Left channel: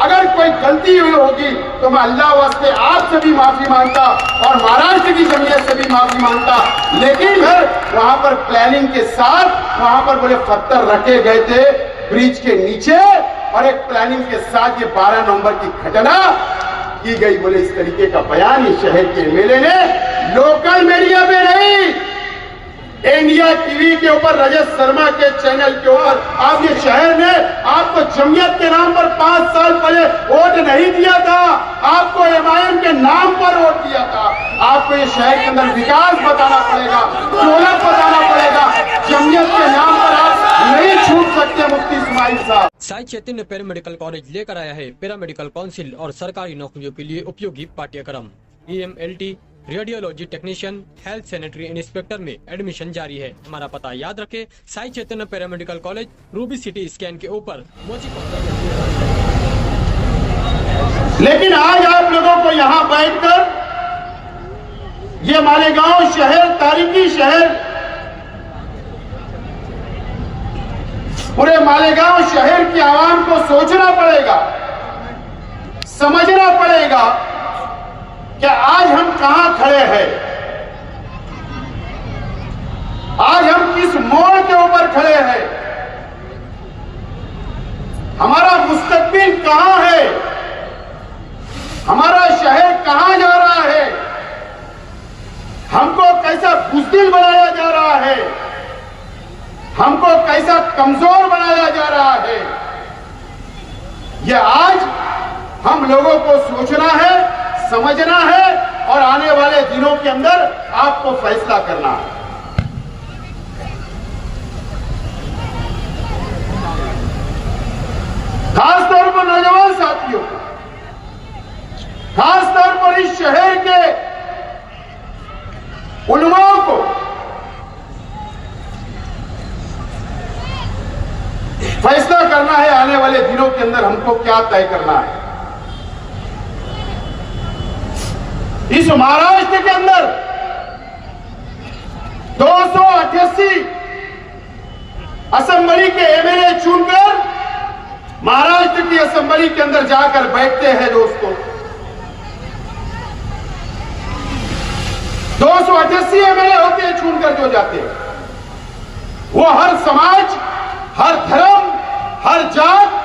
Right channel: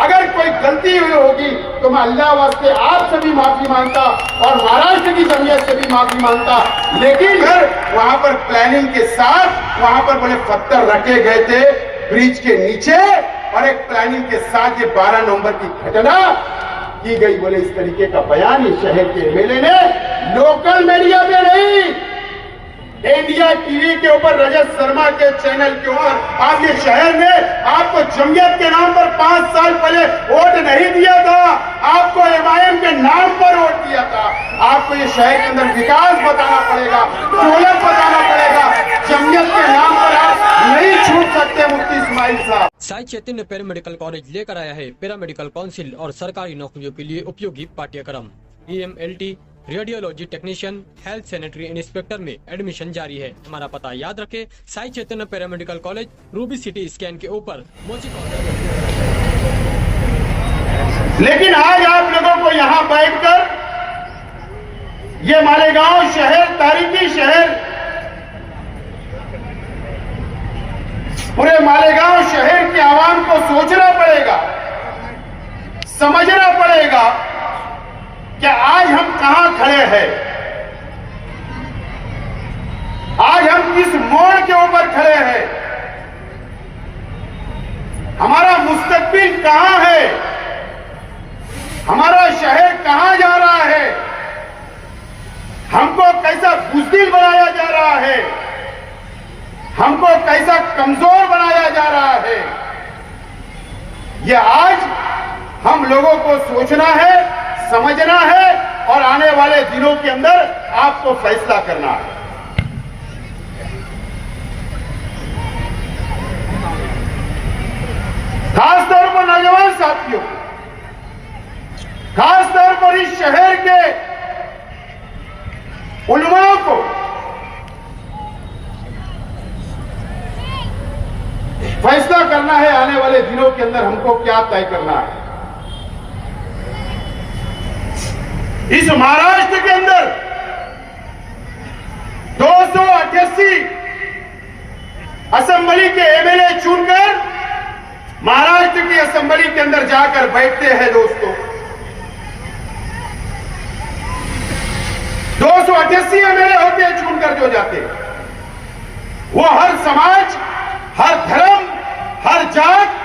अगर कोई गलती हुई होगी तो मैं अल्लाह वास्ते आपसे भी माफी मांगता और महाराष्ट्र की जमीयत से भी माफी मांगता। लेकिन फिर वहां पर प्लानिंग के साथ वहां पर बड़े पत्थर रखे गए थे ब्रिज के नीचे और एक प्लानिंग के साथ ये 12 नवंबर की घटना की गई। बोले इस तरीके का बयान इस शहर के एमएलए ने लोकल मीडिया में नहीं, इंडिया टीवी के ऊपर रजत शर्मा के चैनल के ऊपर आप ये शहर ने आपको जमीयत के नाम पर 5 साल पहले वोट नहीं दिया था, आपको एमआईएम के नाम पर वोट दिया था। आपको ये शहर के अंदर विकास बताना पड़ेगा, दौलत बताना पड़ेगा। जमीयत के नाम पर आप नहीं छूट सकते मुफ्ती इस्माइल साहब। साई चैतन्य पैरामेडिकल कॉलेज लेकर आया है पैरामेडिकल काउंसिल और सरकारी नौकरियों के लिए उपयोगी पाठ्यक्रम। EMLT, radiology technician, health sanitary inspector में एडमिशन जारी है। हमारा पता याद रखें, Sai Chaitanya paramedical college, Ruby City Scan के ऊपर मोची कॉलेज। लेकिन आज आप लोगों को यहाँ बैठकर ये मालेगांव शहर, तारीखी शहर, पूरे मालेगांव शहर की आवाम को सोचना पड़ेगा, समझना पड़ेगा कि आज हम कहां खड़े हैं, आज हम किस मोड़ के ऊपर खड़े हैं, हमारा मुस्तकबिल कहां है, हमारा शहर कहां जा रहा है, हमको कैसा बुज़दिल बनाया जा रहा है, हमको कैसा कमजोर बनाया जा रहा है। यह आज हम लोगों को सोचना है, समझना है और आने वाले दिनों के अंदर आपको फैसला करना है। खासतौर पर नौजवान साथियों, खासतौर पर इस शहर के उलमाओं को फैसला करना है आने वाले दिनों के अंदर हमको क्या तय करना है। इस महाराष्ट्र के अंदर 288 असेंबली के एमएलए चुनकर महाराष्ट्र की असेंबली के अंदर जाकर बैठते हैं। दोस्तों, 288 एमएलए होते हैं चुनकर जो जाते हैं, वो हर समाज, हर धर्म, हर जात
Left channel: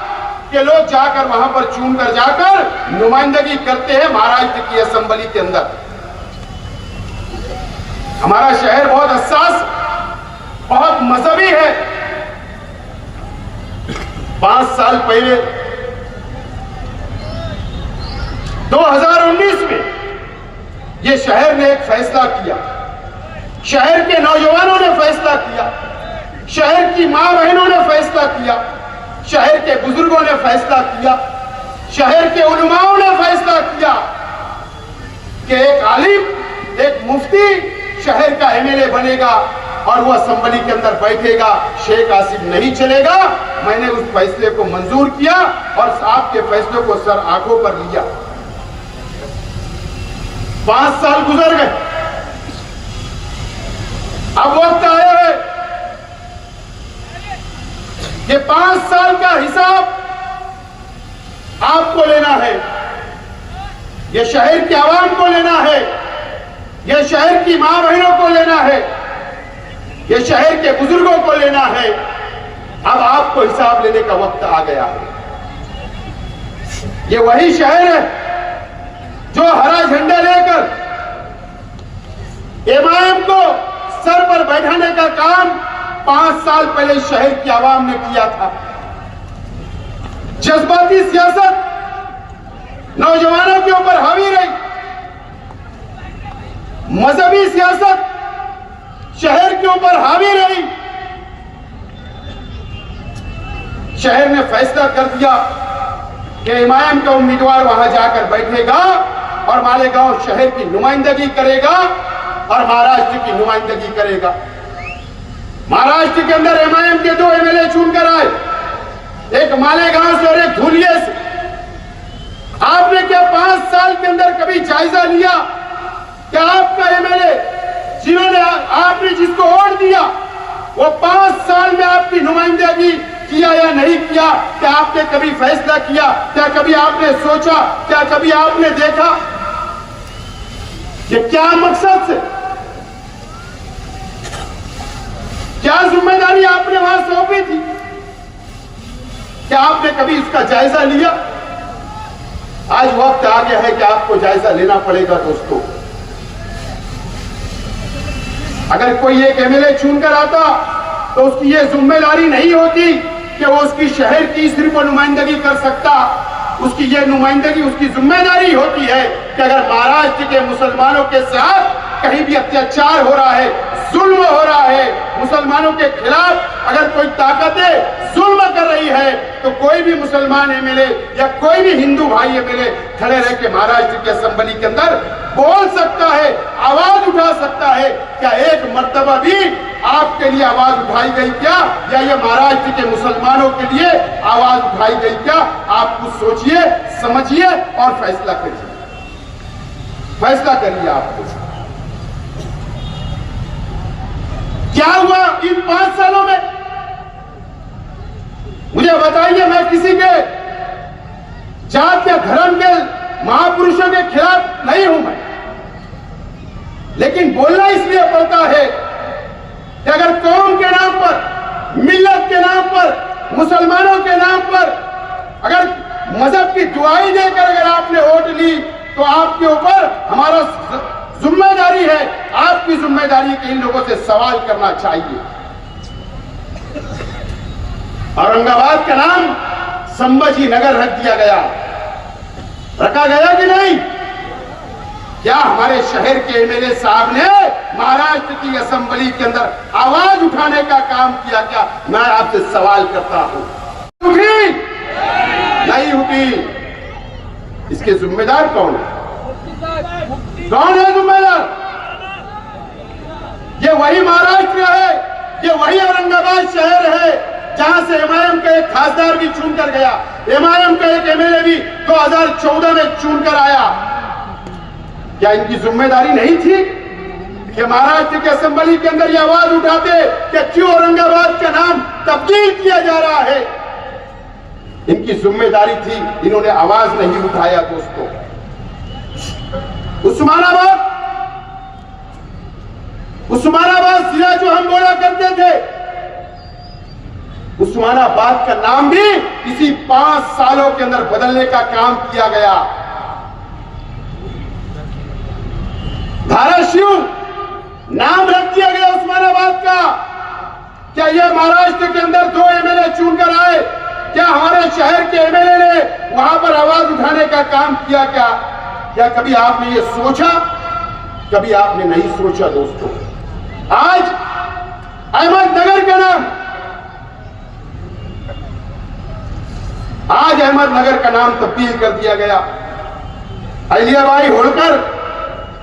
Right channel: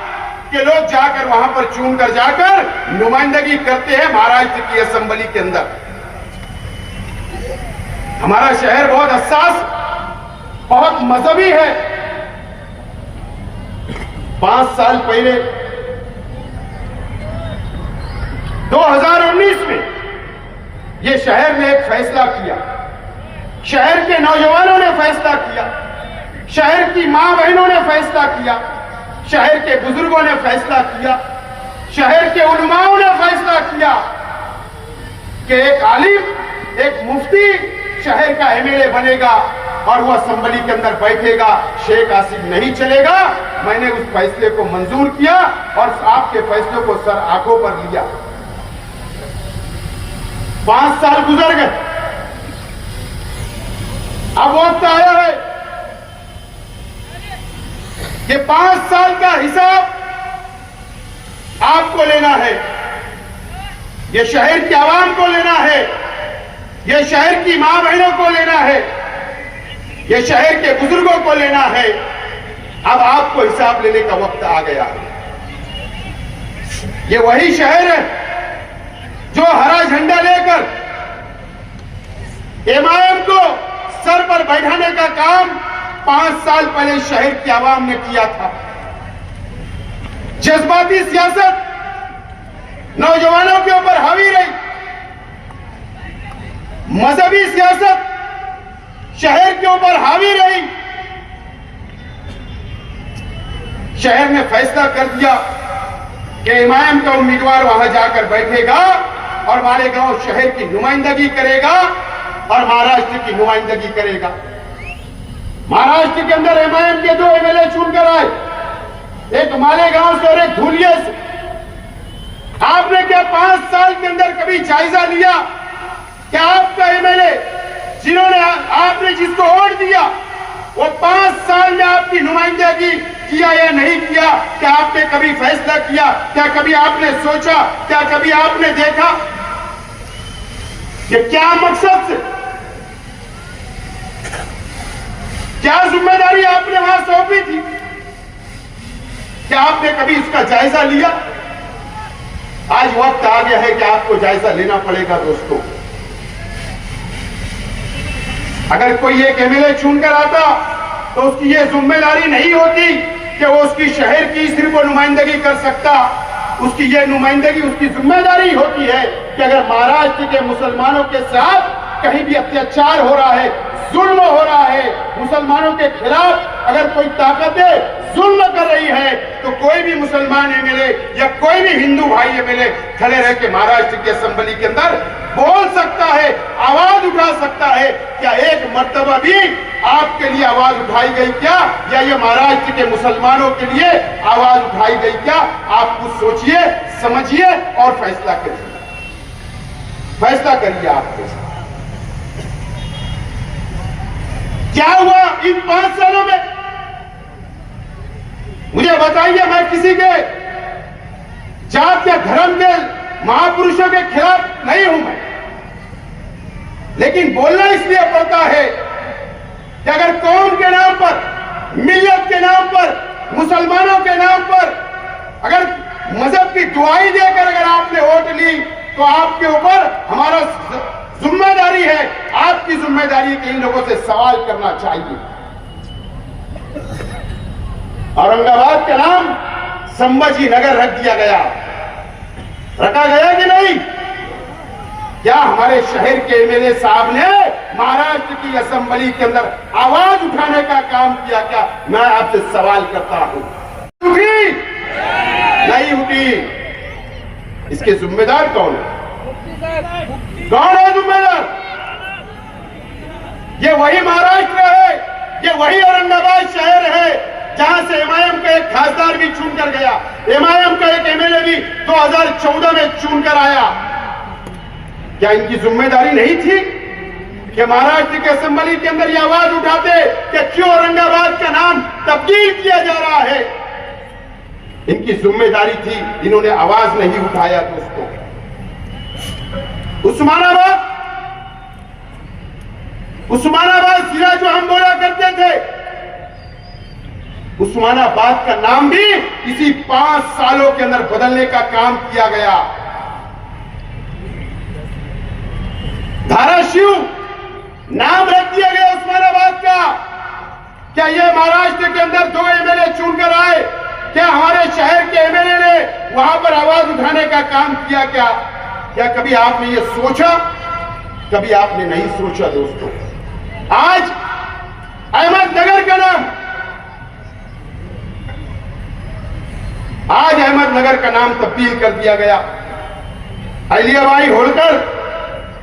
के लोग जाकर वहां पर चुनकर जाकर नुमाइंदगी करते हैं महाराष्ट्र की असेंबली के अंदर। हमारा शहर बहुत हसास, बहुत मजहबी है। 5 साल पहले 2019 में ये शहर ने एक फैसला किया, शहर के नौजवानों ने फैसला किया, शहर की मां बहनों ने फैसला किया, शहर के बुजुर्गों ने फैसला किया, शहर के उलमाओं ने फैसला किया कि एक आलिम, एक मुफ्ती शहर का एमएलए बनेगा और वो असेंबली के अंदर बैठेगा, शेख आसिफ नहीं चलेगा। मैंने उस फैसले को मंजूर किया और आपके फैसले को सर आंखों पर लिया। 5 साल गुजर गए, अब वक्त आया है कि 5 साल का हिसाब आपको लेना है, ये शहर की आवाम को लेना है, ये शहर की मां बहनों को लेना है, ये शहर के बुजुर्गों को लेना है। अब आपको हिसाब लेने का वक्त आ गया है। ये वही शहर है जो हरा झंडा लेकर एमआईएम को सर पर बैठाने का काम 5 साल पहले शहर की आवाम ने किया था। जज्बाती सियासत नौजवानों के ऊपर हावी रही, मजहबी सियासत शहर के ऊपर हावी रही। शहर ने फैसला कर दिया कि एमआईएम का उम्मीदवार वहां जाकर बैठेगा और मालेगांव शहर की नुमाइंदगी करेगा और महाराष्ट्र की नुमाइंदगी करेगा। महाराष्ट्र के अंदर एमआईएम के 2 एमएलए चुनकर आए, एक मालेगांव से और एक धुलिया से। आपने क्या 5 साल के अंदर कभी जायजा लिया कि आपका एमएलए जिन्होंने आपने जिसको वोट दिया वो 5 साल में आपकी नुमाइंदगी किया या नहीं किया, क्या आपने कभी फैसला किया, क्या कभी आपने सोचा, क्या कभी आपने देखा कि क्या मकसद से, क्या जिम्मेदारी आपने वहां सौंपी थी? क्या आपने कभी इसका जायजा लिया? आज वक्त आ गया है कि आपको जायजा लेना पड़ेगा दोस्तों। अगर कोई एक एमएलए चुनकर आता तो उसकी यह जिम्मेदारी नहीं होती कि वो उसकी शहर की सिर्फ वो नुमाइंदगी कर सकता, उसकी यह नुमाइंदगी, उसकी जिम्मेदारी होती है कि अगर महाराष्ट्र के मुसलमानों के साथ कहीं भी अत्याचार हो रहा है, जुल्म हो रहा है, मुसलमानों के खिलाफ अगर कोई ताकतें जुल्म कर रही है, तो कोई भी मुसलमान एमएलए या कोई भी हिंदू भाई एमएलए खड़े रह के महाराष्ट्र की असेंबली के अंदर बोल सकता है, आवाज उठा सकता है। क्या एक मर्तबा भी आपके लिए आवाज उठाई गई क्या, या ये महाराष्ट्र के मुसलमानों के लिए आवाज उठाई गई क्या? आप कुछ सोचिए, समझिए और फैसला करिए। फैसला करिए आप क्या हुआ इन 5 सालों में? मुझे बताइए। मैं किसी के जात या धर्म के महापुरुषों के खिलाफ नहीं हूं मैं, लेकिन बोलना इसलिए पड़ता है कि अगर कौम के नाम पर, मिल्लत के नाम पर, मुसलमानों के नाम पर अगर मजहब की दुआई देकर अगर आपने वोट ली, तो आपके ऊपर हमारा जिम्मेदारी है, आपकी जिम्मेदारी के इन लोगों से सवाल करना चाहिए। औरंगाबाद का नाम संभाजी नगर रख दिया गया, रखा गया कि नहीं? क्या हमारे शहर के एमएलए साहब ने महाराष्ट्र की असेंबली के अंदर आवाज उठाने का काम किया क्या? मैं आपसे सवाल करता हूं। उठी नहीं उठी, इसके जिम्मेदार कौन है? कौन है जिम्मेदार? ये वही महाराष्ट्र है, ये वही औरंगाबाद शहर है जहां से एमआईएम का एक खासदार भी चुनकर गया, एमआईएम का एक एमएलए भी 2014 में चुनकर आया। क्या इनकी जिम्मेदारी नहीं थी कि महाराष्ट्र के असेंबली के अंदर ये आवाज उठाते कि क्यों औरंगाबाद का नाम तब्दील किया जा रहा है? इनकी जिम्मेदारी थी, इन्होंने आवाज नहीं उठाया दोस्तों। उस्मानाबाद जिला जो हम बोला करते थे, उस्मानाबाद का नाम भी इसी 5 सालों के अंदर बदलने का काम किया गया। धाराशिव नाम रख दिया गया उस्मानाबाद का। क्या यह महाराष्ट्र के अंदर 2 एमएलए चुनकर आए? क्या हमारे शहर के एमएलए ने वहां पर आवाज उठाने का काम किया क्या? क्या कभी आपने ये सोचा? कभी आपने नहीं सोचा दोस्तों। आज अहमदनगर का नाम, आज अहमदनगर का नाम तब्दील कर दिया गया। अहिल्याबाई होलकर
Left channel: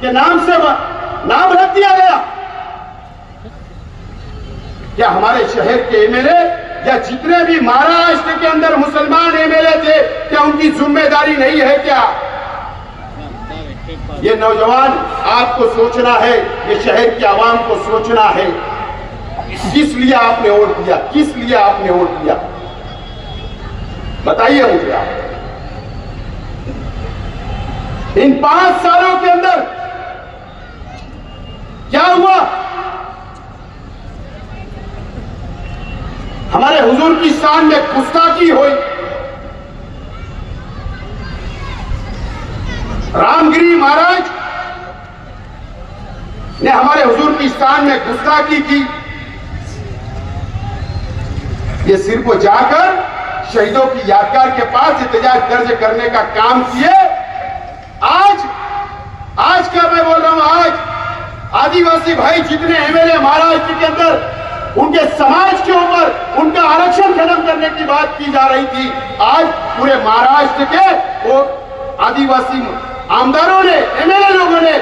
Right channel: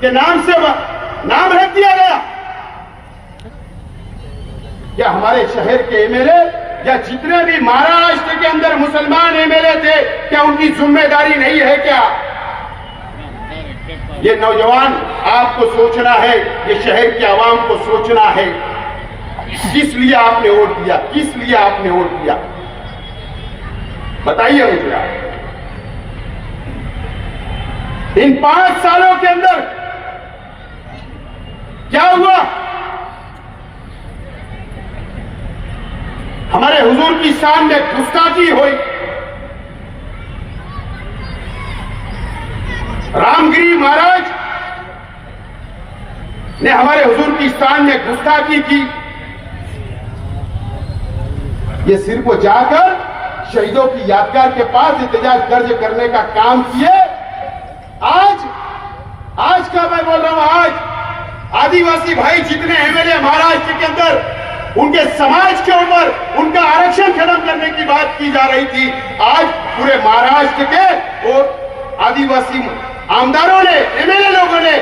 के नाम से नाम रख दिया गया। क्या हमारे शहर के एमएलए या जितने भी महाराष्ट्र के अंदर मुसलमान एमएलए थे, क्या उनकी जिम्मेदारी नहीं है क्या? ये नौजवान आपको सोचना है, ये शहर के आवाम को सोचना है। किस लिए आपने वोट दिया? किस लिए आपने वोट दिया? बताइए मुझे आप। इन 5 सालों के अंदर क्या हुआ? हमारे हुजूर की शान में गुस्ताखी हुई। रामगिरी महाराज ने हमारे हुजूर की शान में गुस्ताखी की। ये सिर्फ वो जाकर शहीदों की यादगार के पास एहतजाज दर्ज करने का काम किए। आज का मैं बोल रहा हूं, आज आदिवासी भाई जितने एमएलए महाराष्ट्र के अंदर उनके समाज के ऊपर उनका आरक्षण खत्म करने की बात की जा रही थी, आज पूरे महाराष्ट्र के वो आदिवासी आमदारों ने, एमएलए लोगों ने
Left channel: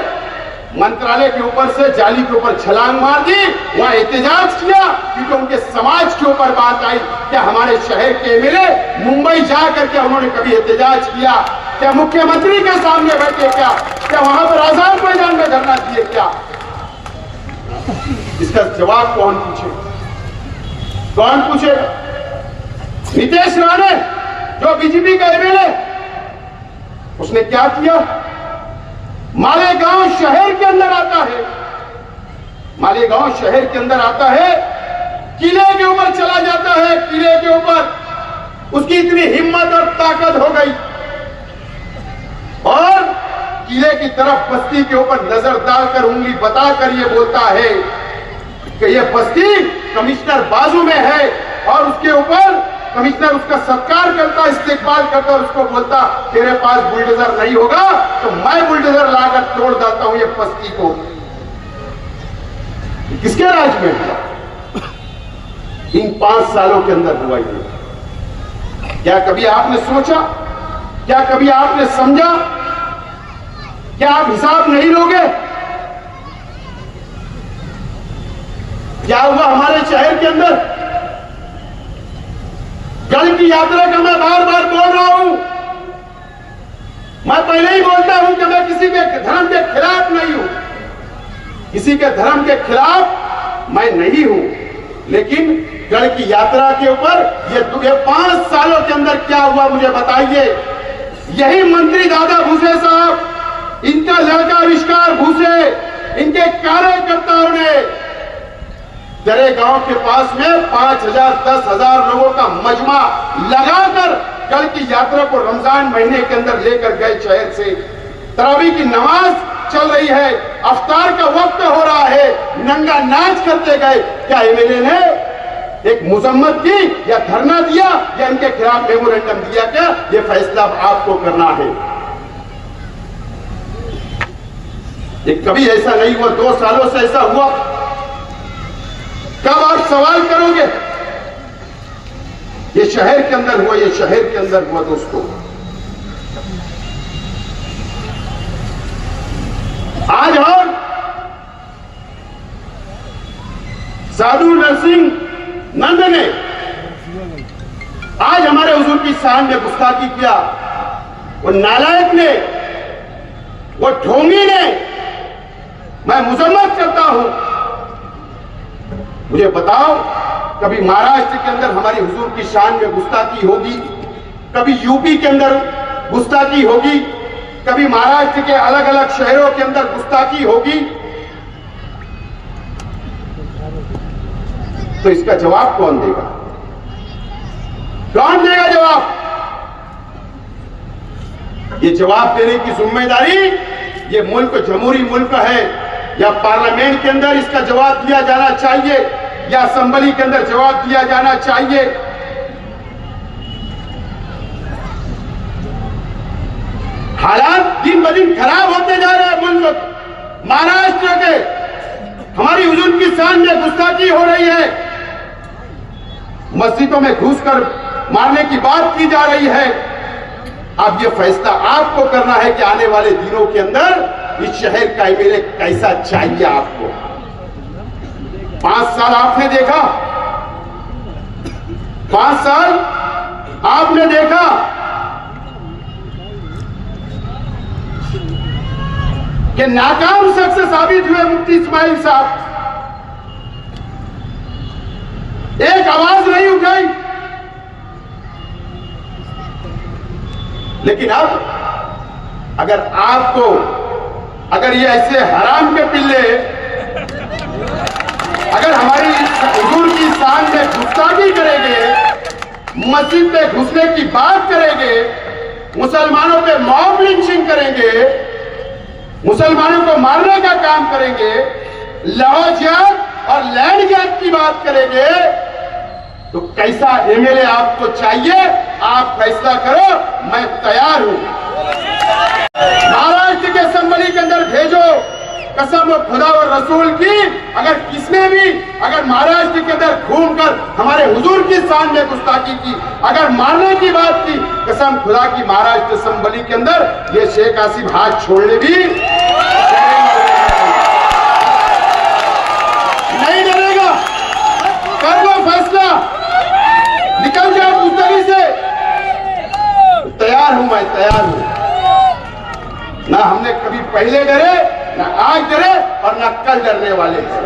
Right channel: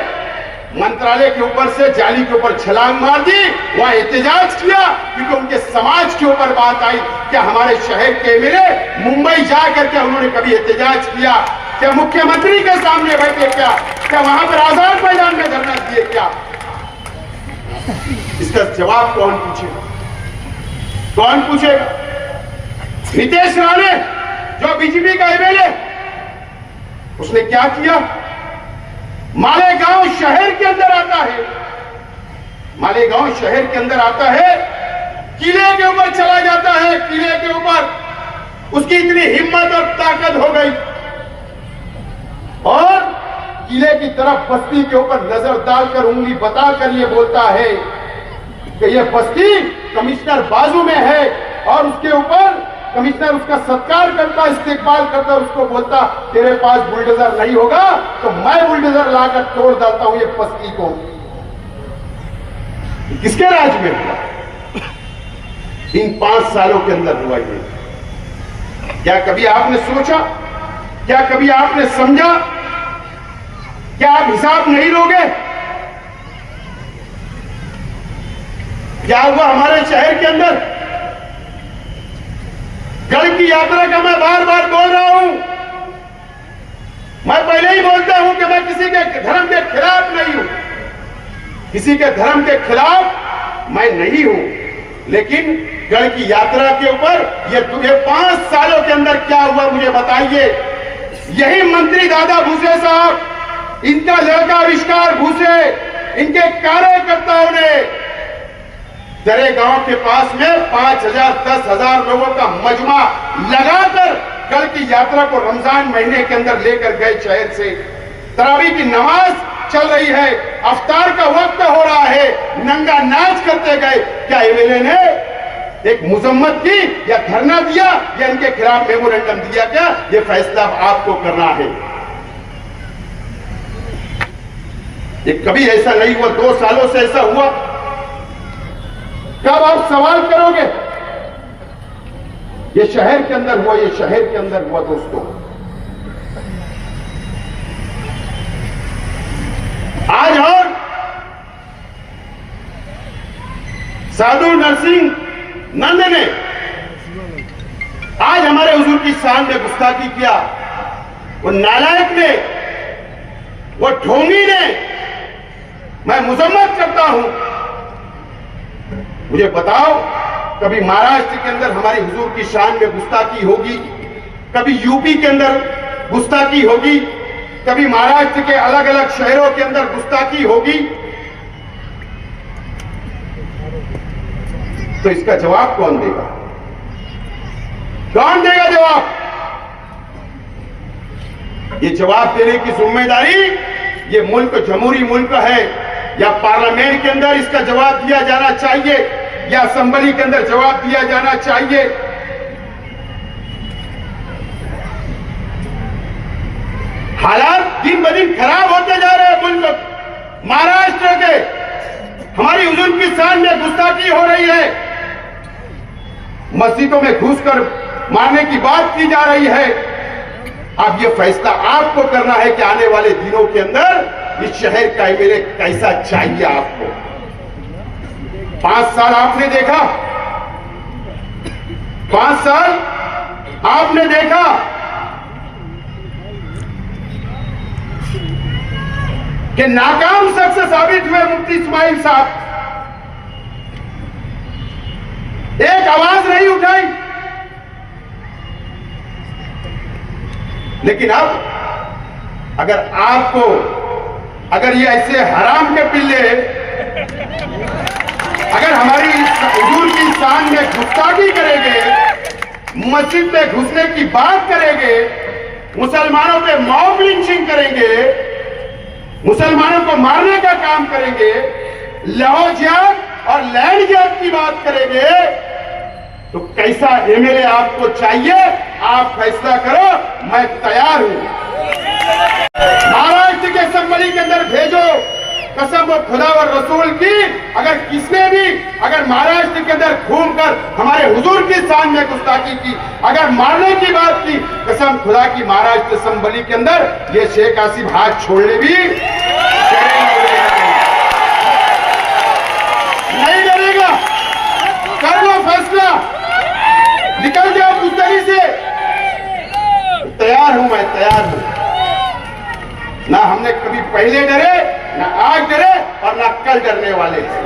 मंत्रालय के ऊपर से जाली के ऊपर छलांग मार दी, वहां एहतजाज किया, क्योंकि उनके समाज के ऊपर बात आई। क्या हमारे शहर के एमएलए मुंबई जाकर के उन्होंने कभी एहतजाज किया? क्या मुख्यमंत्री के सामने बैठे? क्या वहां पर आजाद मैदान में धरना दिए? क्या इसका जवाब कौन पूछेगा? कौन पूछेगा? नितेश राणे जो बीजेपी का एमएलए, उसने क्या किया? मालेगांव शहर के अंदर आता है, मालेगांव शहर के अंदर आता है, किले के ऊपर चला जाता है, किले के ऊपर उसकी इतनी हिम्मत और ताकत हो गई और किले की तरफ बस्ती के ऊपर नजर डालकर उंगली बताकर ये बोलता है कि ये बस्ती कमिश्नर बाजू में है और उसके ऊपर कमिश्नर उसका सत्कार करता, इस्तेकबाल करता, उसको बोलता तेरे पास बुलडोजर नहीं होगा तो मैं बुलडोजर लाकर तोड़ डालता हूं ये बस्ती को। किसके राज में हुआ? इन 5 सालों के अंदर हुआ ये। क्या कभी आपने सोचा? क्या कभी आपने समझा? क्या आप हिसाब नहीं लोगे? क्या हुआ हमारे शहर के अंदर? गढ़ की यात्रा का मैं बार बार बोल रहा हूं, मैं पहले ही बोलता हूं कि मैं किसी के धर्म के खिलाफ नहीं हूं, किसी के धर्म के खिलाफ मैं नहीं हूं, लेकिन गढ़ की यात्रा के ऊपर ये 5 सालों के अंदर क्या हुआ मुझे बताइए। यही मंत्री दादा भूसे साहब, इनका लड़का आविष्कार भूसे, इनके कार्यकर्ताओं ने दरे गांव के पास में 5,000 10,000 लोगों का मजमा लगाकर कल की यात्रा को रमजान महीने के अंदर लेकर गए। शहर से तरावी की नमाज चल रही है, अफ्तार का वक्त हो रहा है, नंगा नाच करते गए। क्या एमएलए ने एक मुजम्मत की या धरना दिया या इनके खिलाफ मेमोरेंडम दिया? क्या ये फैसला आपको करना है। ये कभी ऐसा नहीं हुआ, 2 सालों से ऐसा हुआ। कब आप सवाल करोगे? ये शहर के अंदर हुआ, ये शहर के अंदर हुआ दोस्तों। आज और साधु नरसिंह नंद ने आज हमारे हुजूर की शान में गुस्ताखी किया। वो नालायक ने, वो ढोंगी ने, मैं मुजम्मत करता हूं। मुझे बताओ, कभी महाराष्ट्र के अंदर हमारी हुजूर की शान में गुस्ताखी होगी? कभी यूपी के अंदर गुस्ताखी होगी? कभी महाराष्ट्र के अलग अलग शहरों के अंदर गुस्ताखी होगी? तो इसका जवाब कौन देगा? कौन देगा जवाब? ये जवाब देने की जिम्मेदारी ये मुल्क जमहूरी मुल्क है। या पार्लियामेंट के अंदर इसका जवाब दिया जाना चाहिए या असेंबली के अंदर जवाब दिया जाना चाहिए। हालात दिन ब दिन खराब होते जा रहे हैं मुल्क महाराष्ट्र के। हमारी हुजूर की शान में गुस्ताखी हो रही है, मस्जिदों में घुसकर मारने की बात की जा रही है। अब यह फैसला आपको करना है कि आने वाले दिनों के अंदर इस शहर का एमएलए कैसा चाहिए आपको। 5 साल आपने देखा, 5 साल आपने देखा कि नाकाम शख्स साबित हुए मुफ्ती इस्माइल साहब। एक आवाज नहीं उठाई। लेकिन अब अगर ये ऐसे हराम के पिल्ले अगर हमारी हुजूर की शान में गुस्ताखी करेंगे, मस्जिद में घुसने की बात करेंगे, मुसलमानों पे मॉब लिंचिंग करेंगे, मुसलमानों को मारने का काम करेंगे, लाहौर जिहाद और लैंड जिहाद की बात करेंगे, तो कैसा एमएलए आपको चाहिए? आप फैसला करो, मैं तैयार हूं। महाराष्ट्र के असेंबली के अंदर भेजो। कसम खुदा और रसूल की, अगर किसने भी अगर महाराष्ट्र के अंदर घूमकर हमारे हुजूर की शान में गुस्ताखी की, अगर मारने की बात की, कसम खुदा की महाराष्ट्र असेंबली के अंदर ये शेख आसिफ हाथ छोड़ने भी नहीं डरेगा। कर लो फैसला, निकल जाओ पुतरी से। तैयार हूं, मैं तैयार हूं। ना हमने कभी पहले डरे, ना आज डरे और ना कल डरने वाले हैं।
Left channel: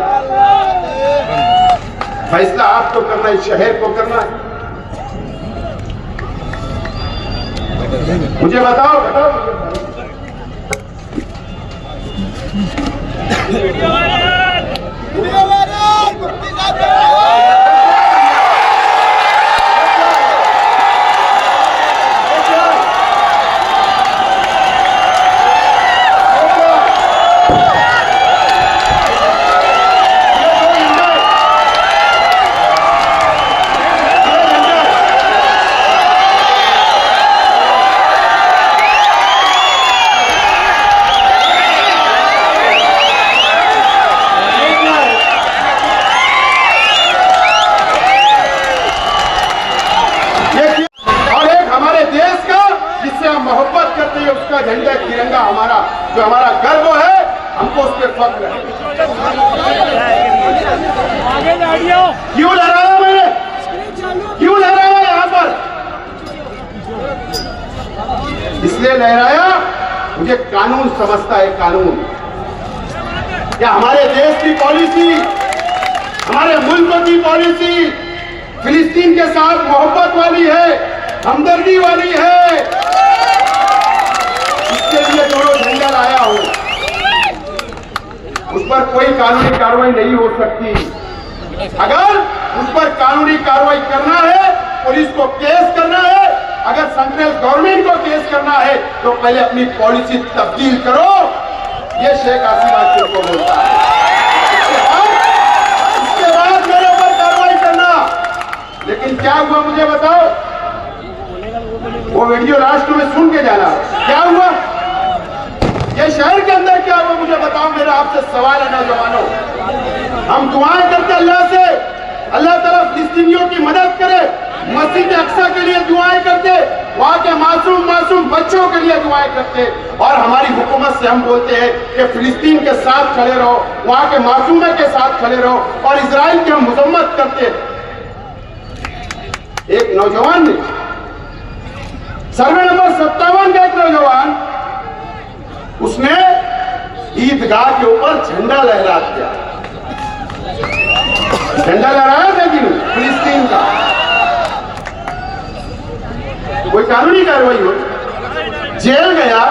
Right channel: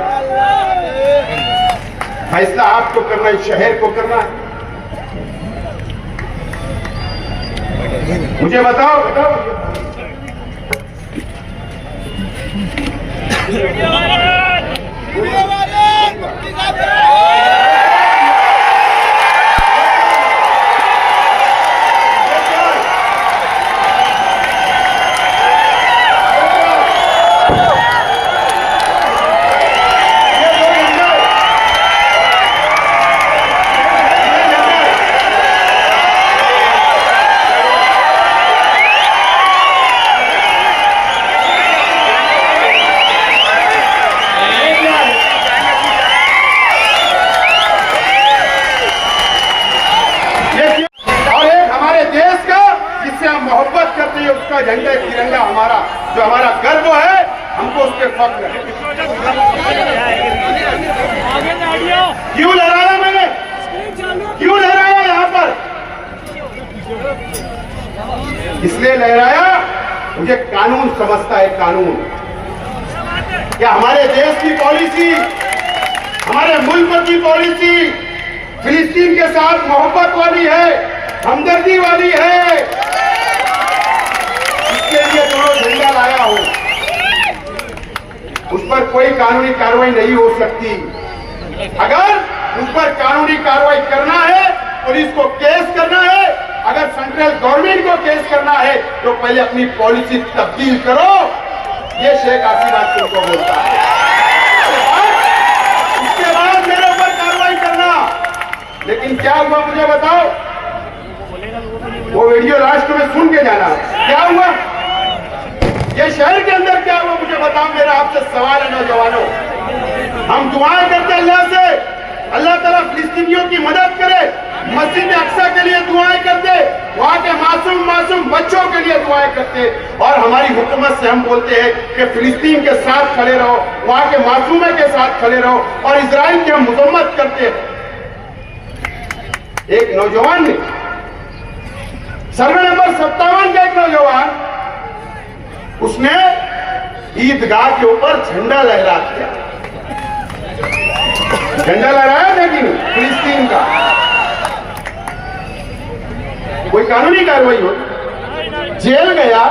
फैसला आपको करना है, शहर को करना है। मुझे बताओ मोहब्बत करते हैं, उसका झंडा तिरंगा हमारा जो हमारा गर्व है, हमको उस पर फख्र है। क्यों लहराया मैंने, क्यों लहराया यहाँ पर? इसलिए लहराया, मुझे कानून समझता है, कानून क्या हमारे देश की पॉलिसी, हमारे मुल्क की पॉलिसी फिलिस्तीन के साथ मोहब्बत वाली है, हमदर्दी वाली है। इसके लिए दोनों झंडा लाया हूं। उस पर कोई कानूनी कार्रवाई नहीं हो सकती। अगर उस पर कानूनी कार्रवाई करना है, पुलिस को केस करना है, अगर सेंट्रल गवर्नमेंट को केस करना है तो पहले अपनी पॉलिसी तब्दील करो। ये शेख हसीना तुमको बोलता है, उसके बाद मेरे ऊपर कार्रवाई करना। लेकिन क्या हुआ मुझे बताओ, वो वीडियो लास्ट में सुन के जाना, क्या हुआ ये शहर के अंदर, क्या हुआ मुझे बताओ। मेरा आपसे सवाल है नौजवानों, हम दुआएं करते अल्लाह से, अल्लाह ताला फिलिस्तीनियों की मदद करे, मस्जिद अक्सा के लिए दुआएं करते, वहां के मासूम बच्चों के लिए दुआएं करते, और हमारी हुकूमत से हम बोलते हैं कि फिलिस्तीन के साथ खड़े रहो, वहां के मासूमों के साथ खड़े रहो, और इजराइल की हम मजम्मत करते। एक नौजवान ने सर्वे नंबर 57 का एक नौजवान, उसने ईदगाह के ऊपर झंडा लहरा दिया। झंडा लहराया था कि नहीं फिलिस्तीन का? कोई कानूनी कार्रवाई हो, जेल गया,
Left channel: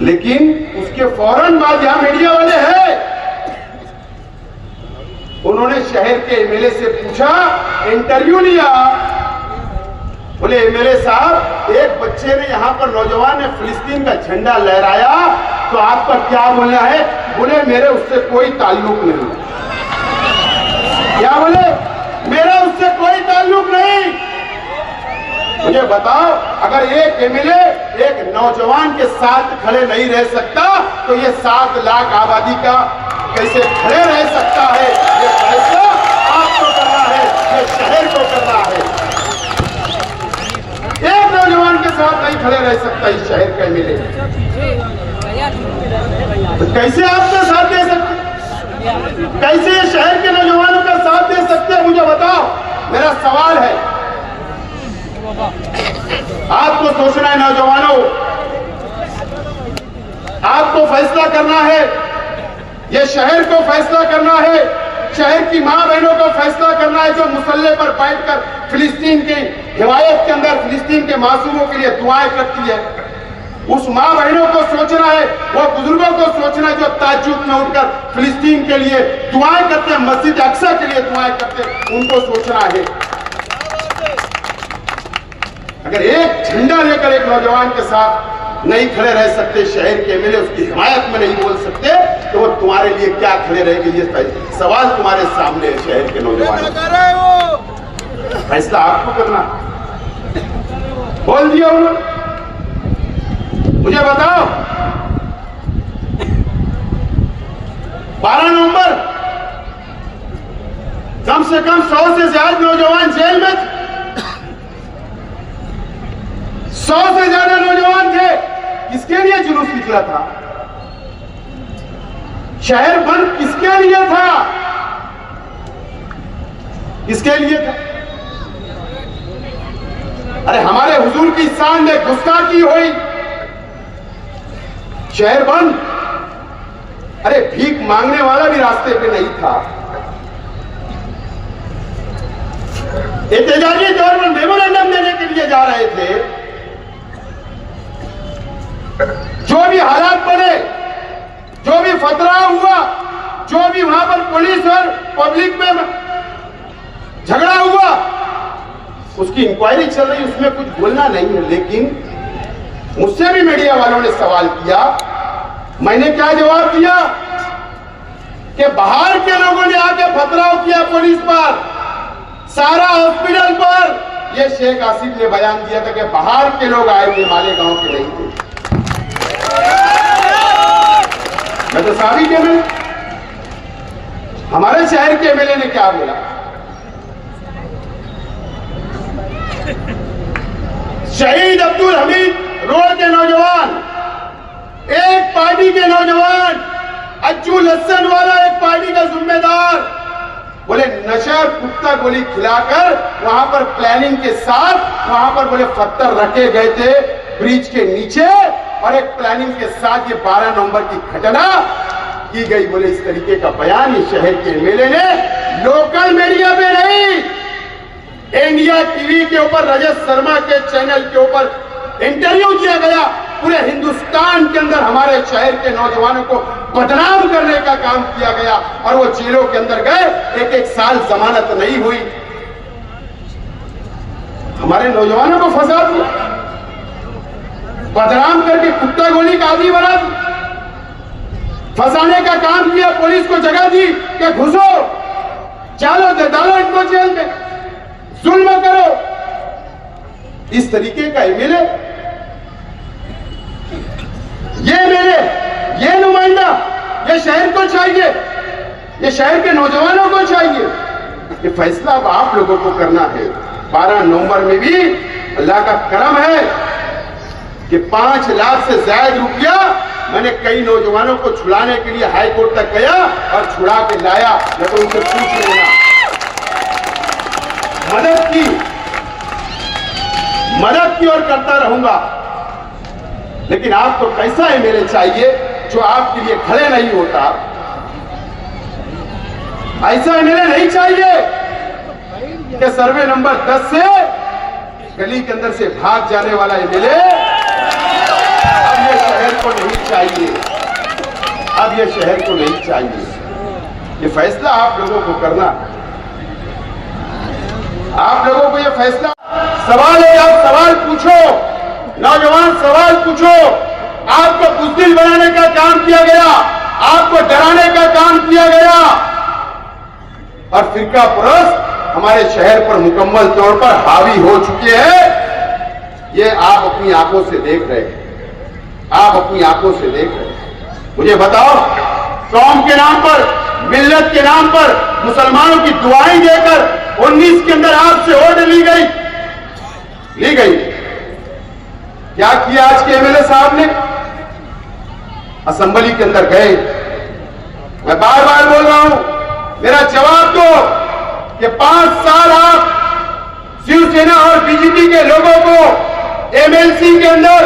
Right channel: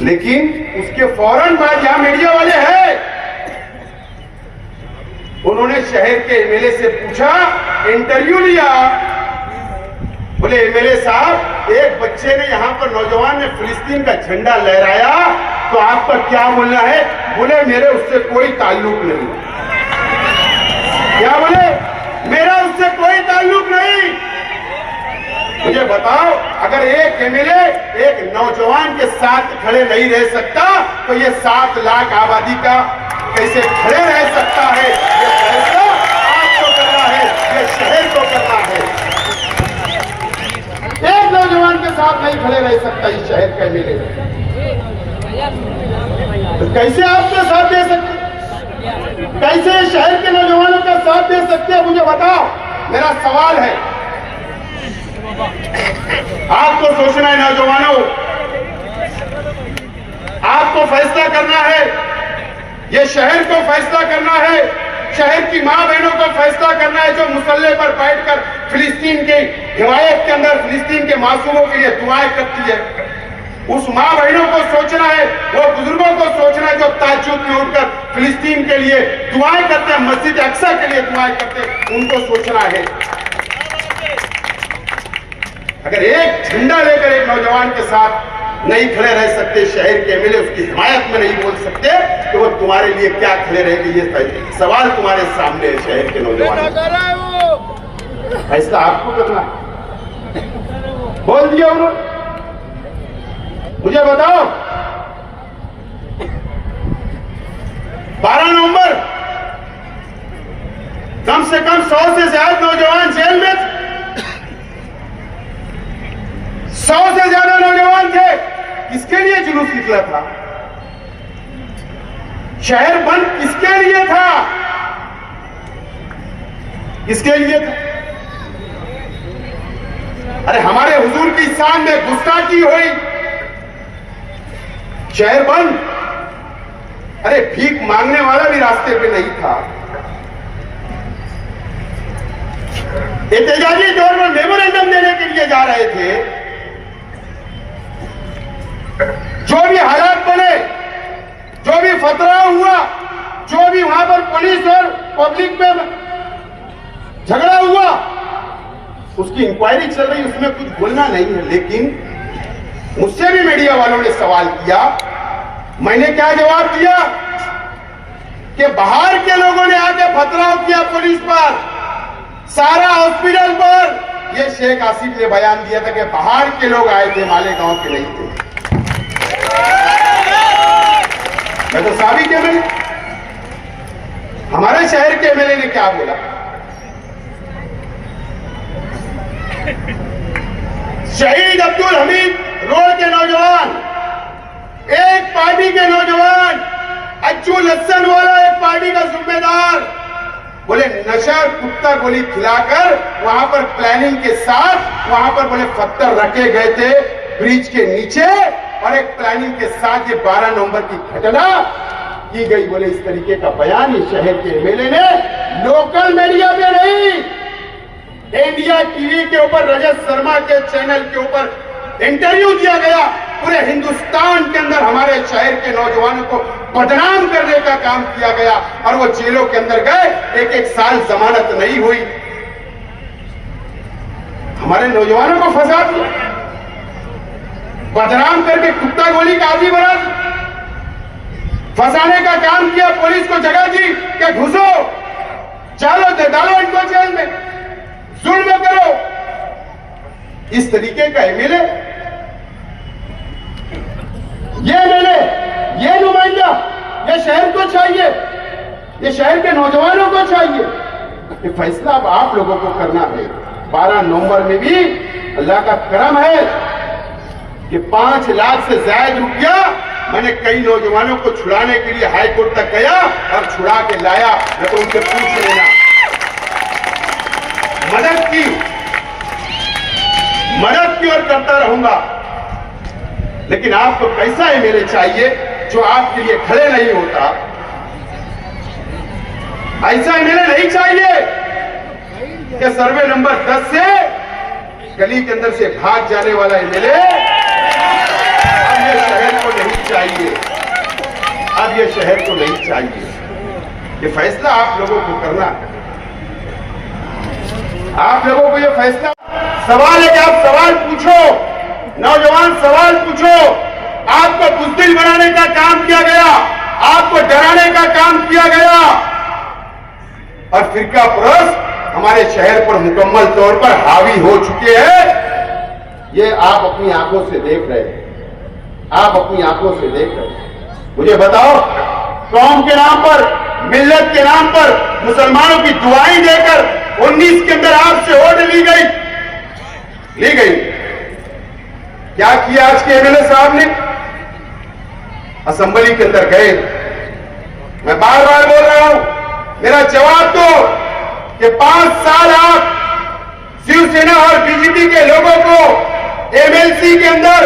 लेकिन उसके फौरन बाद यहां मीडिया वाले हैं, उन्होंने शहर के एमएलए से पूछा, इंटरव्यू लिया, बोले एमएलए साहब, एक बच्चे ने यहाँ पर नौजवान ने फिलिस्तीन का झंडा लहराया, तो आपका क्या बोलना है? बोले मेरे उससे कोई ताल्लुक नहीं। क्या बोले? मेरा उससे कोई ताल्लुक नहीं। मुझे बताओ, अगर एक एमएलए एक नौजवान के साथ खड़े नहीं रह सकता, तो ये 7 लाख आबादी का कैसे खड़े रह सकता है? ये फैसला आपको करना है, ये शहर को करना है। एक नौजवान के साथ नहीं खड़े रह सकता इस शहर का एमएलए, तो कैसे आपका साथ दे सकते, कैसे शहर के नौजवानों का साथ दे सकते हैं? मुझे बताओ, मेरा सवाल है, आपको सोचना है नौजवानों, आपको फैसला करना है, ये शहर को फैसला करना है, शहर की मां बहनों का फैसला करना है, जो मुसल्ले पर बैठकर फिलिस्तीन की हिमायत के अंदर फिलिस्तीन के मासूमों के लिए दुआएं करती है। उस मां बहनों को सोचना है, वो बुजुर्गों को सोचना है जो ताज्जुद में उठकर फिलिस्तीन के लिए दुआएं करते हैं, मस्जिद अक्सा के लिए दुआएं करते हैं, उनको सोचना है। अगर एक झंडा लेकर एक नौजवान के साथ नहीं खड़े रह सकते, शहर के एमएलए उसकी हिमायत में नहीं बोल सकते, तो वो तुम्हारे लिए क्या खड़े रहेंगे? ये सवाल तुम्हारे सामने है, शहर के नौजवान, फैसला आपको करना। बोल दिया उन्होंने, मुझे बताओ, 12 नवंबर कम से कम 100 से ज्यादा नौजवान जेल में, 100 से ज्यादा नौजवान थे। किसके लिए जुलूस निकला था? शहर बंद किसके लिए था? किसके लिए था? अरे हमारे हुजूर की शान में गुस्ताखी हुई, शहर बंद। अरे भीख मांगने वाला भी रास्ते पे नहीं था। एहतजाजी दौर में मेमोरेंडम देने के लिए जा रहे थे। जो भी हालात बने, जो भी फतरा हुआ, जो भी वहां पर पुलिस और पब्लिक में झगड़ा हुआ, उसकी इंक्वायरी चल रही, उसमें कुछ बोलना नहीं है। लेकिन मुझसे भी मीडिया वालों ने सवाल किया, मैंने क्या जवाब दिया कि बाहर के लोगों ने आके पथराव किया पुलिस पर, सारा हॉस्पिटल पर। ये शेख आसिफ ने बयान दिया था कि बाहर के लोग आए थे, मालेगांव के नहीं थे। मैं तो साबित है, मैंने हमारे शहर के एमएलए ने क्या बोला, शहीद अब्दुल हमीद रोड के नौजवान, एक पार्टी के नौजवान, अज्जू लस्सन वाला एक पार्टी का जिम्मेदार, बोले नशा कुत्ता गोली खिलाकर वहां पर प्लानिंग के साथ वहां पर बोले पत्थर रखे गए थे ब्रिज के नीचे, और एक प्लानिंग के साथ ये 12 नवंबर की घटना की गई। बोले इस तरीके का बयान इस शहर के एमएलए ने लोकल मीडिया में नहीं, इंडिया टीवी के ऊपर रजत शर्मा के चैनल के ऊपर इंटरव्यू दिया गया। पूरे हिंदुस्तान के अंदर हमारे शहर के नौजवानों को बदनाम करने का काम किया गया, और वो जेलों के अंदर गए, एक एक साल जमानत नहीं हुई। हमारे नौजवानों को फंसा दिया, बदनाम करके कुत्ता गोली का आदमी बना दिया, फंसाने का काम किया, पुलिस को जगह दी कि घुसो, चलो डालो इनको जेल में, जुल्म करो। इस तरीके का एमएलए, ये एमएलए, ये नुमाइंदा, ये शहर को चाहिए, ये शहर के नौजवानों को चाहिए। ये फैसला अब आप लोगों को करना है। 12 नवंबर में भी अल्लाह का करम है कि 5 लाख से ज्यादा रुपया मैंने कई नौजवानों को छुड़ाने के लिए हाई कोर्ट तक गया और छुड़ा के लाया। मैं तो उनसे पूछ लेना, मदद की और करता रहूंगा। लेकिन आपको कैसा एमएलए चाहिए जो आपके लिए खड़े नहीं होता? ऐसा एमएलए नहीं चाहिए कि सर्वे नंबर 10 से गली के अंदर से भाग जाने वाला एमएलए अब ये शहर को नहीं चाहिए, अब ये शहर को नहीं चाहिए। ये फैसला आप लोगों को करना है, आप लोगों को ये फैसला। सवाल है कि आप सवाल पूछो, नौजवान सवाल पूछो। आपको बुज़दिल बनाने का काम किया गया, आपको डराने का काम किया गया, और फिरका परस्त हमारे शहर पर मुकम्मल तौर पर हावी हो चुके हैं। ये आप अपनी आंखों से देख रहे हैं, आप अपनी आंखों से देख रहे हैं। मुझे बताओ, कौम के नाम पर, मिल्लत के नाम पर मुसलमानों की दुआएं देकर 19 के अंदर आपसे वोट ली गई। क्या किया आज के एमएलए साहब ने? असेंबली के अंदर गए, मैं बार बार बोल रहा हूं, मेरा जवाब दो कि 5 साल आप शिवसेना और बीजेपी के लोगों को एमएलसी के अंदर,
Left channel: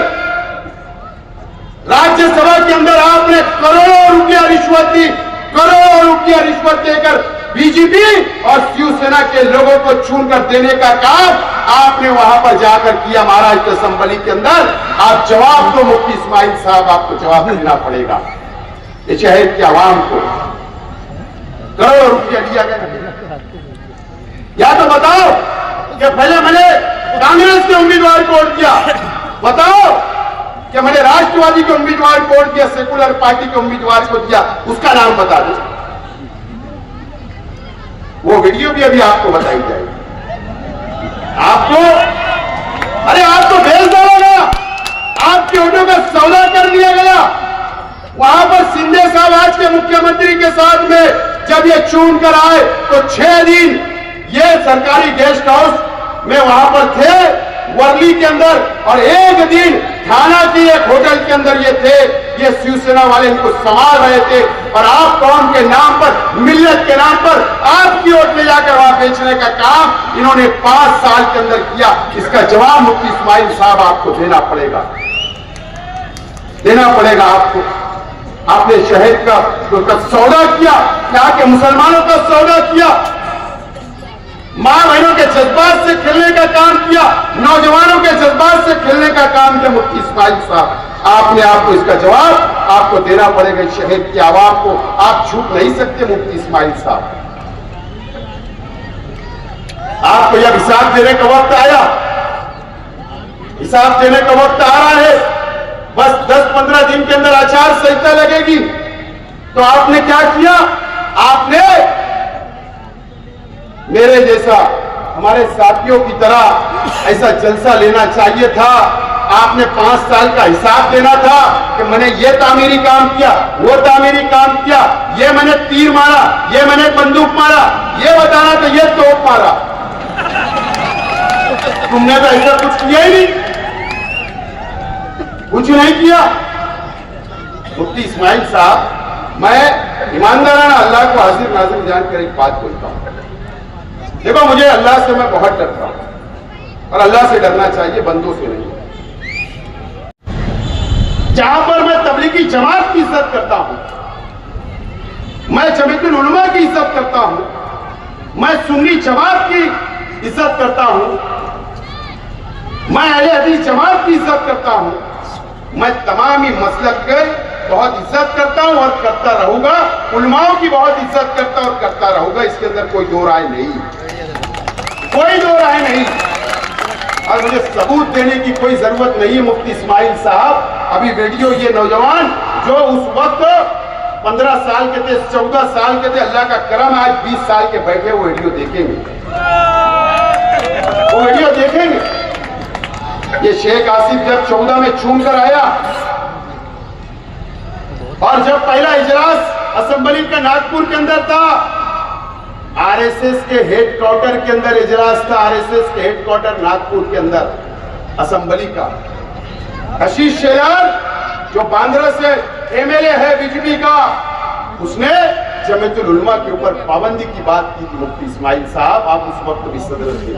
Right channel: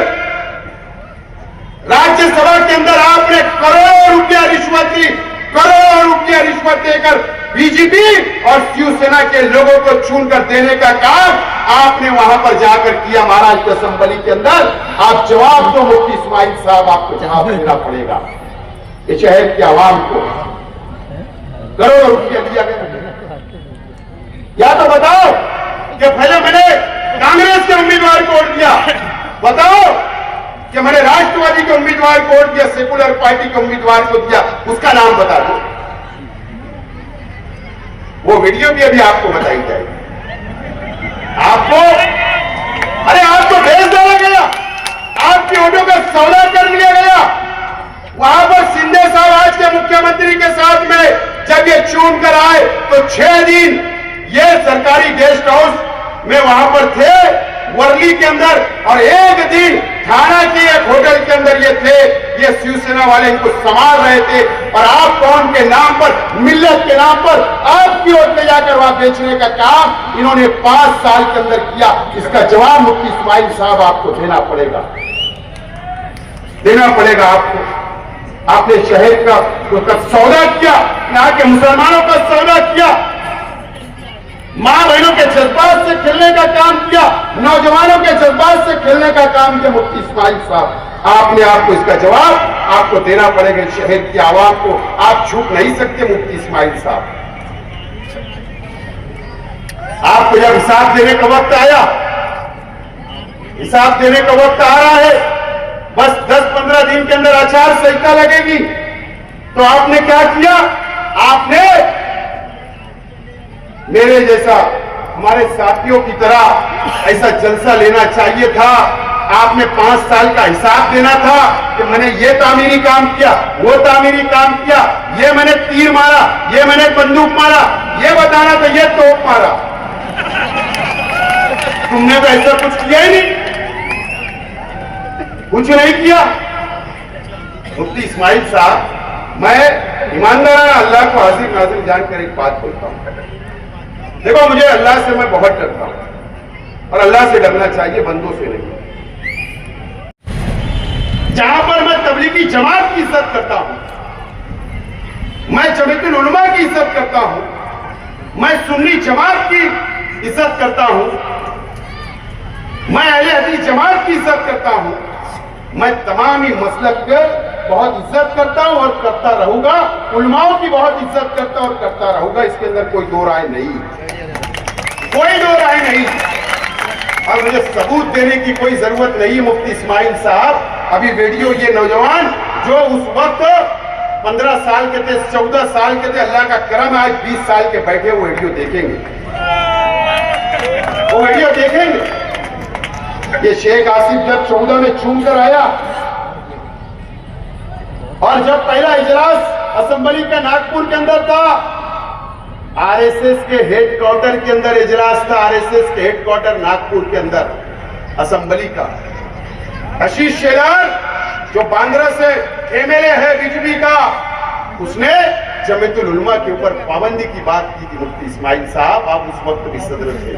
राज्यसभा के अंदर आपने करोड़ों रुपया रिश्वत दी, करोड़ों रुपया रिश्वत देकर बीजेपी और शिवसेना के लोगों को चुनकर देने का काम आपने वहां पर जाकर किया महाराष्ट्र असेंबली के अंदर। आप जवाब दो मुफ्ती इस्माइल साहब, आपको जवाब देना पड़ेगा। इस शहर की आवाम को करोड़ों रुपया दिया गया। या तो बताओ कि पहले मैंने कांग्रेस के उम्मीदवार को वोट दिया, बताओ कि मैंने राष्ट्रवादी के उम्मीदवार को वोट दिया, सेकुलर पार्टी के उम्मीदवार को दिया, उसका नाम बता दो। वो वीडियो भी अभी आपको बताई जाएगी। आपको, अरे आपको भेज डाला गया, आपके वोटों का सौदा कर लिया गया। वहां पर शिंदे साहब आज के मुख्यमंत्री के साथ में जब ये चुन कर आए तो 6 दिन ये सरकारी गेस्ट हाउस में वहां पर थे वर्ली के अंदर, और 1 दिन थाना की एक होटल के अंदर ये थे। ये शिवसेना वाले इनको संभाल रहे थे, और आप कौम के नाम पर, मिल्लत के नाम पर आपकी ओर ले जाकर वहां बेचने का काम इन्होंने 5 साल के अंदर किया। इसका जवाब मुफ्ती इस्माइल साहब आपको देना पड़ेगा, देना पड़ेगा आपको। आपने शहर का सौदा किया, यहाँ के मुसलमानों का सौदा किया। मां बहनों के जज्बात से खेलने का काम किया, नौजवानों के जज्बात से खेलने का काम किया मुफ्ती इस्माइल साहब। आपने आपको इसका जवाब आपको देना पड़ेगा, शहर की आवाम को आप छूट नहीं सकते मुफ्ती इस्माइल साहब। आपको जब हिसाब देने का वक्त आया, हिसाब देने का वक्त आ रहा है, बस 10-15 दिन के अंदर आचार संहिता लगेगी, तो आपने क्या किया? आपने मेरे जैसा हमारे साथियों की तरह ऐसा जलसा लेना चाहिए था। आपने 5 साल का हिसाब देना था कि मैंने ये तामीरी काम किया, वो तामीरी काम किया, ये मैंने तीर मारा, ये मैंने बंदूक मारा, ये बताना था, ये तोप मारा। तुमने तो ऐसा कुछ किया ही नहीं, कुछ नहीं किया। मुफ्ती इस्माइल साहब, मैं ईमानदाराना अल्लाह को हाजिर नाज़िर जानकर एक बात बोलता हूं। देखो, मुझे अल्लाह से मैं बहुत डरता हूं और अल्लाह से डरना चाहिए, बंदों से नहीं। जहां पर मैं तबलीगी जमात की इज्जत करता हूं, मैं जमीयतुल उलमा की इज्जत करता हूं, मैं सुन्नी जमात की इज्जत करता हूं, मैं अहले हदीस जमात की इज्जत करता हूं, मैं तमाम ही मसलक के बहुत इज्जत करता हूं और करता रहूंगा, उलमाओं की बहुत इज्जत करता और करता रहूंगा, इसके अंदर कोई दो राय नहीं, कोई दो राय नहीं। और मुझे सबूत देने की कोई जरूरत नहीं। मुफ्ती इस्माइल साहब, अभी वीडियो ये नौजवान जो उस वक्त 15 साल के थे, 14 साल के थे, अल्लाह का करम आज 20 साल के बैठे वो वीडियो देखेंगे, वो वीडियो देखेंगे। ये शेख आसिफ जब 14 में चूम कर आया और जब पहला इजलास असेंबली का नागपुर के अंदर था, आरएसएस के हेडक्वार्टर के अंदर इजलास था, आरएसएस के हेडक्वार्टर नागपुर के अंदर असेंबली का। आशीष शेलार जो बांद्रा से एमएलए है बीजेपी का, उसने जमीयतुल उलमा के ऊपर पाबंदी की बात की थी। मुफ्ती इस्माइल साहब, आप उस वक्त भी सदर थे,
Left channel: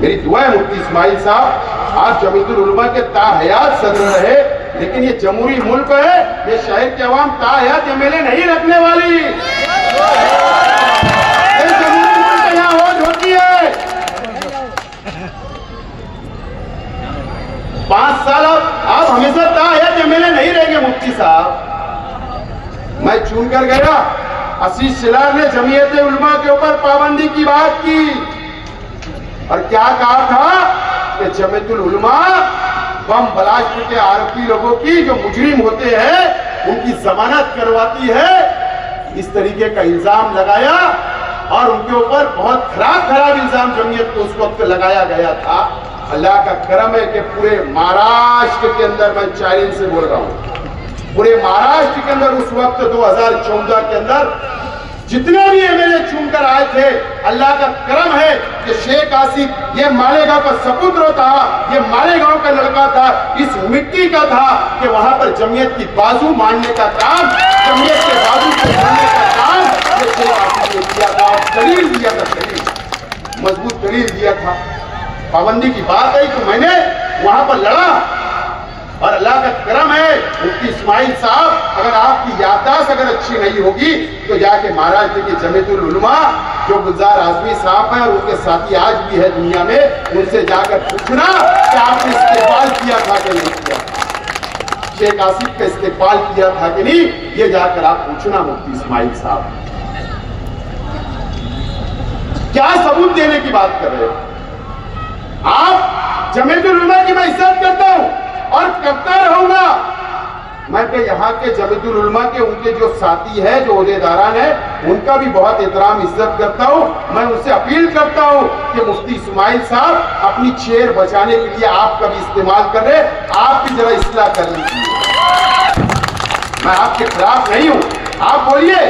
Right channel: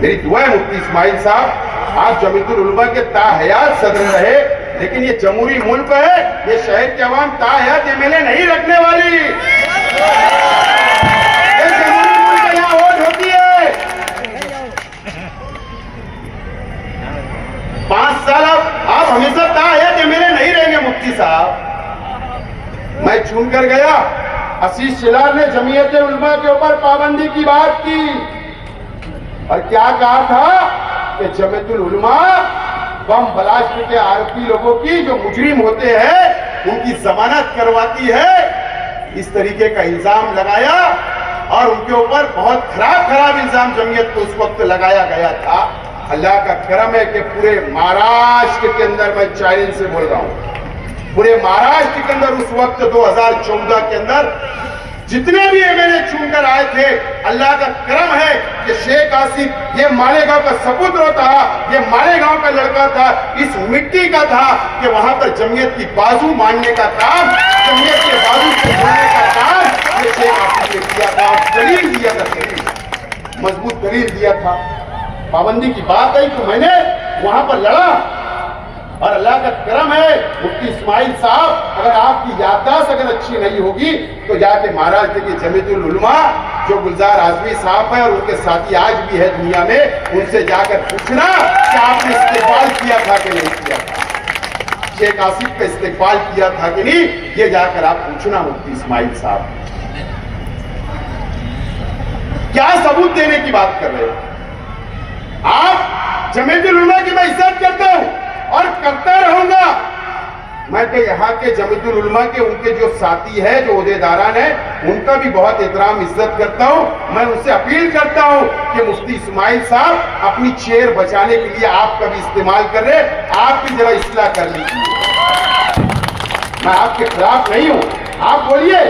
मेरी दुआ है मुफ्ती इस्माइल साहब, आप जमीयतुल उलमा के ताहयात सदर रहे, लेकिन ये जमहूरी मुल्क है, ये शहर के अवाम ताहयात एमएलए नहीं रखने वाली। ये जमहूरी मुल्क यहाँ वोट होती है। 5 साल आप हमेशा ताहयात एमएलए नहीं रहेंगे मुफ्ती साहब। मैं चुन कर गया, आशीष शेलार ने जमीयत उलमा के ऊपर पाबंदी की बात की और क्या कहा था कि जमीयतुल उलमा बम ब्लास्ट के आरोपी लोगों की, जो मुजरिम होते हैं, उनकी जमानत करवाती है, इस तरीके का इल्जाम लगाया और उनके ऊपर बहुत खराब इल्जाम जमीयत को उस वक्त लगाया गया था। अल्लाह का करम है कि पूरे महाराष्ट्र के अंदर, मैं चैलेंज से बोल रहा हूं, पूरे महाराष्ट्र के अंदर उस वक्त 2014 के अंदर जितने भी एमएलए चुनकर आए थे, अल्लाह का करम है कि शेख आसिफ ये मालेगांव का सपुत्र था, ये मालेगांव का लड़का था, इस मिट्टी का था कि वहां पर जमीयत की बाजू मानने का काम, जमीयत के बाजू से बोलने का काम ये शेख आसिफ ने किया था और दलील दिया था, दलील मजबूत दलील दिया था। पाबंदी की बात आई तो मैंने वहां पर लड़ा और अल्लाह का करम है मुफ्ती इस्माइल साहब, अगर आपकी याददाश्त अगर अच्छी नहीं होगी तो जाके महाराष्ट्र के जमीयतुल उलमा जो गुलजार आजमी साहब हैं और उनके साथी आज भी है दुनिया में, उनसे जाकर पूछना कि आपने इस्तेमाल किया था कि नहीं किया, शेख आसिफ का इस्तेमाल किया था कि नहीं, ये जाकर आप पूछना मुफ्ती इस्माइल साहब। क्या सबूत देने की बात कर रहे हो आप? जमीयतुल उलमा की मैं इज्जत करता हूं और करता रहूंगा। मैं तो यहाँ के जमीयतुल उलमा के उनके जो साथी हैं, जो ओहदेदारान हैं, उनका भी बहुत एहतराम इज्जत करता हूँ। मैं उनसे अपील करता हूँ कि मुफ्ती इस्माइल साहब अपनी चेयर बचाने के लिए आपका भी इस्तेमाल कर रहे, आप भी जरा इस्लाह कर लीजिए। मैं आपके खिलाफ नहीं हूँ, आप बोलिए,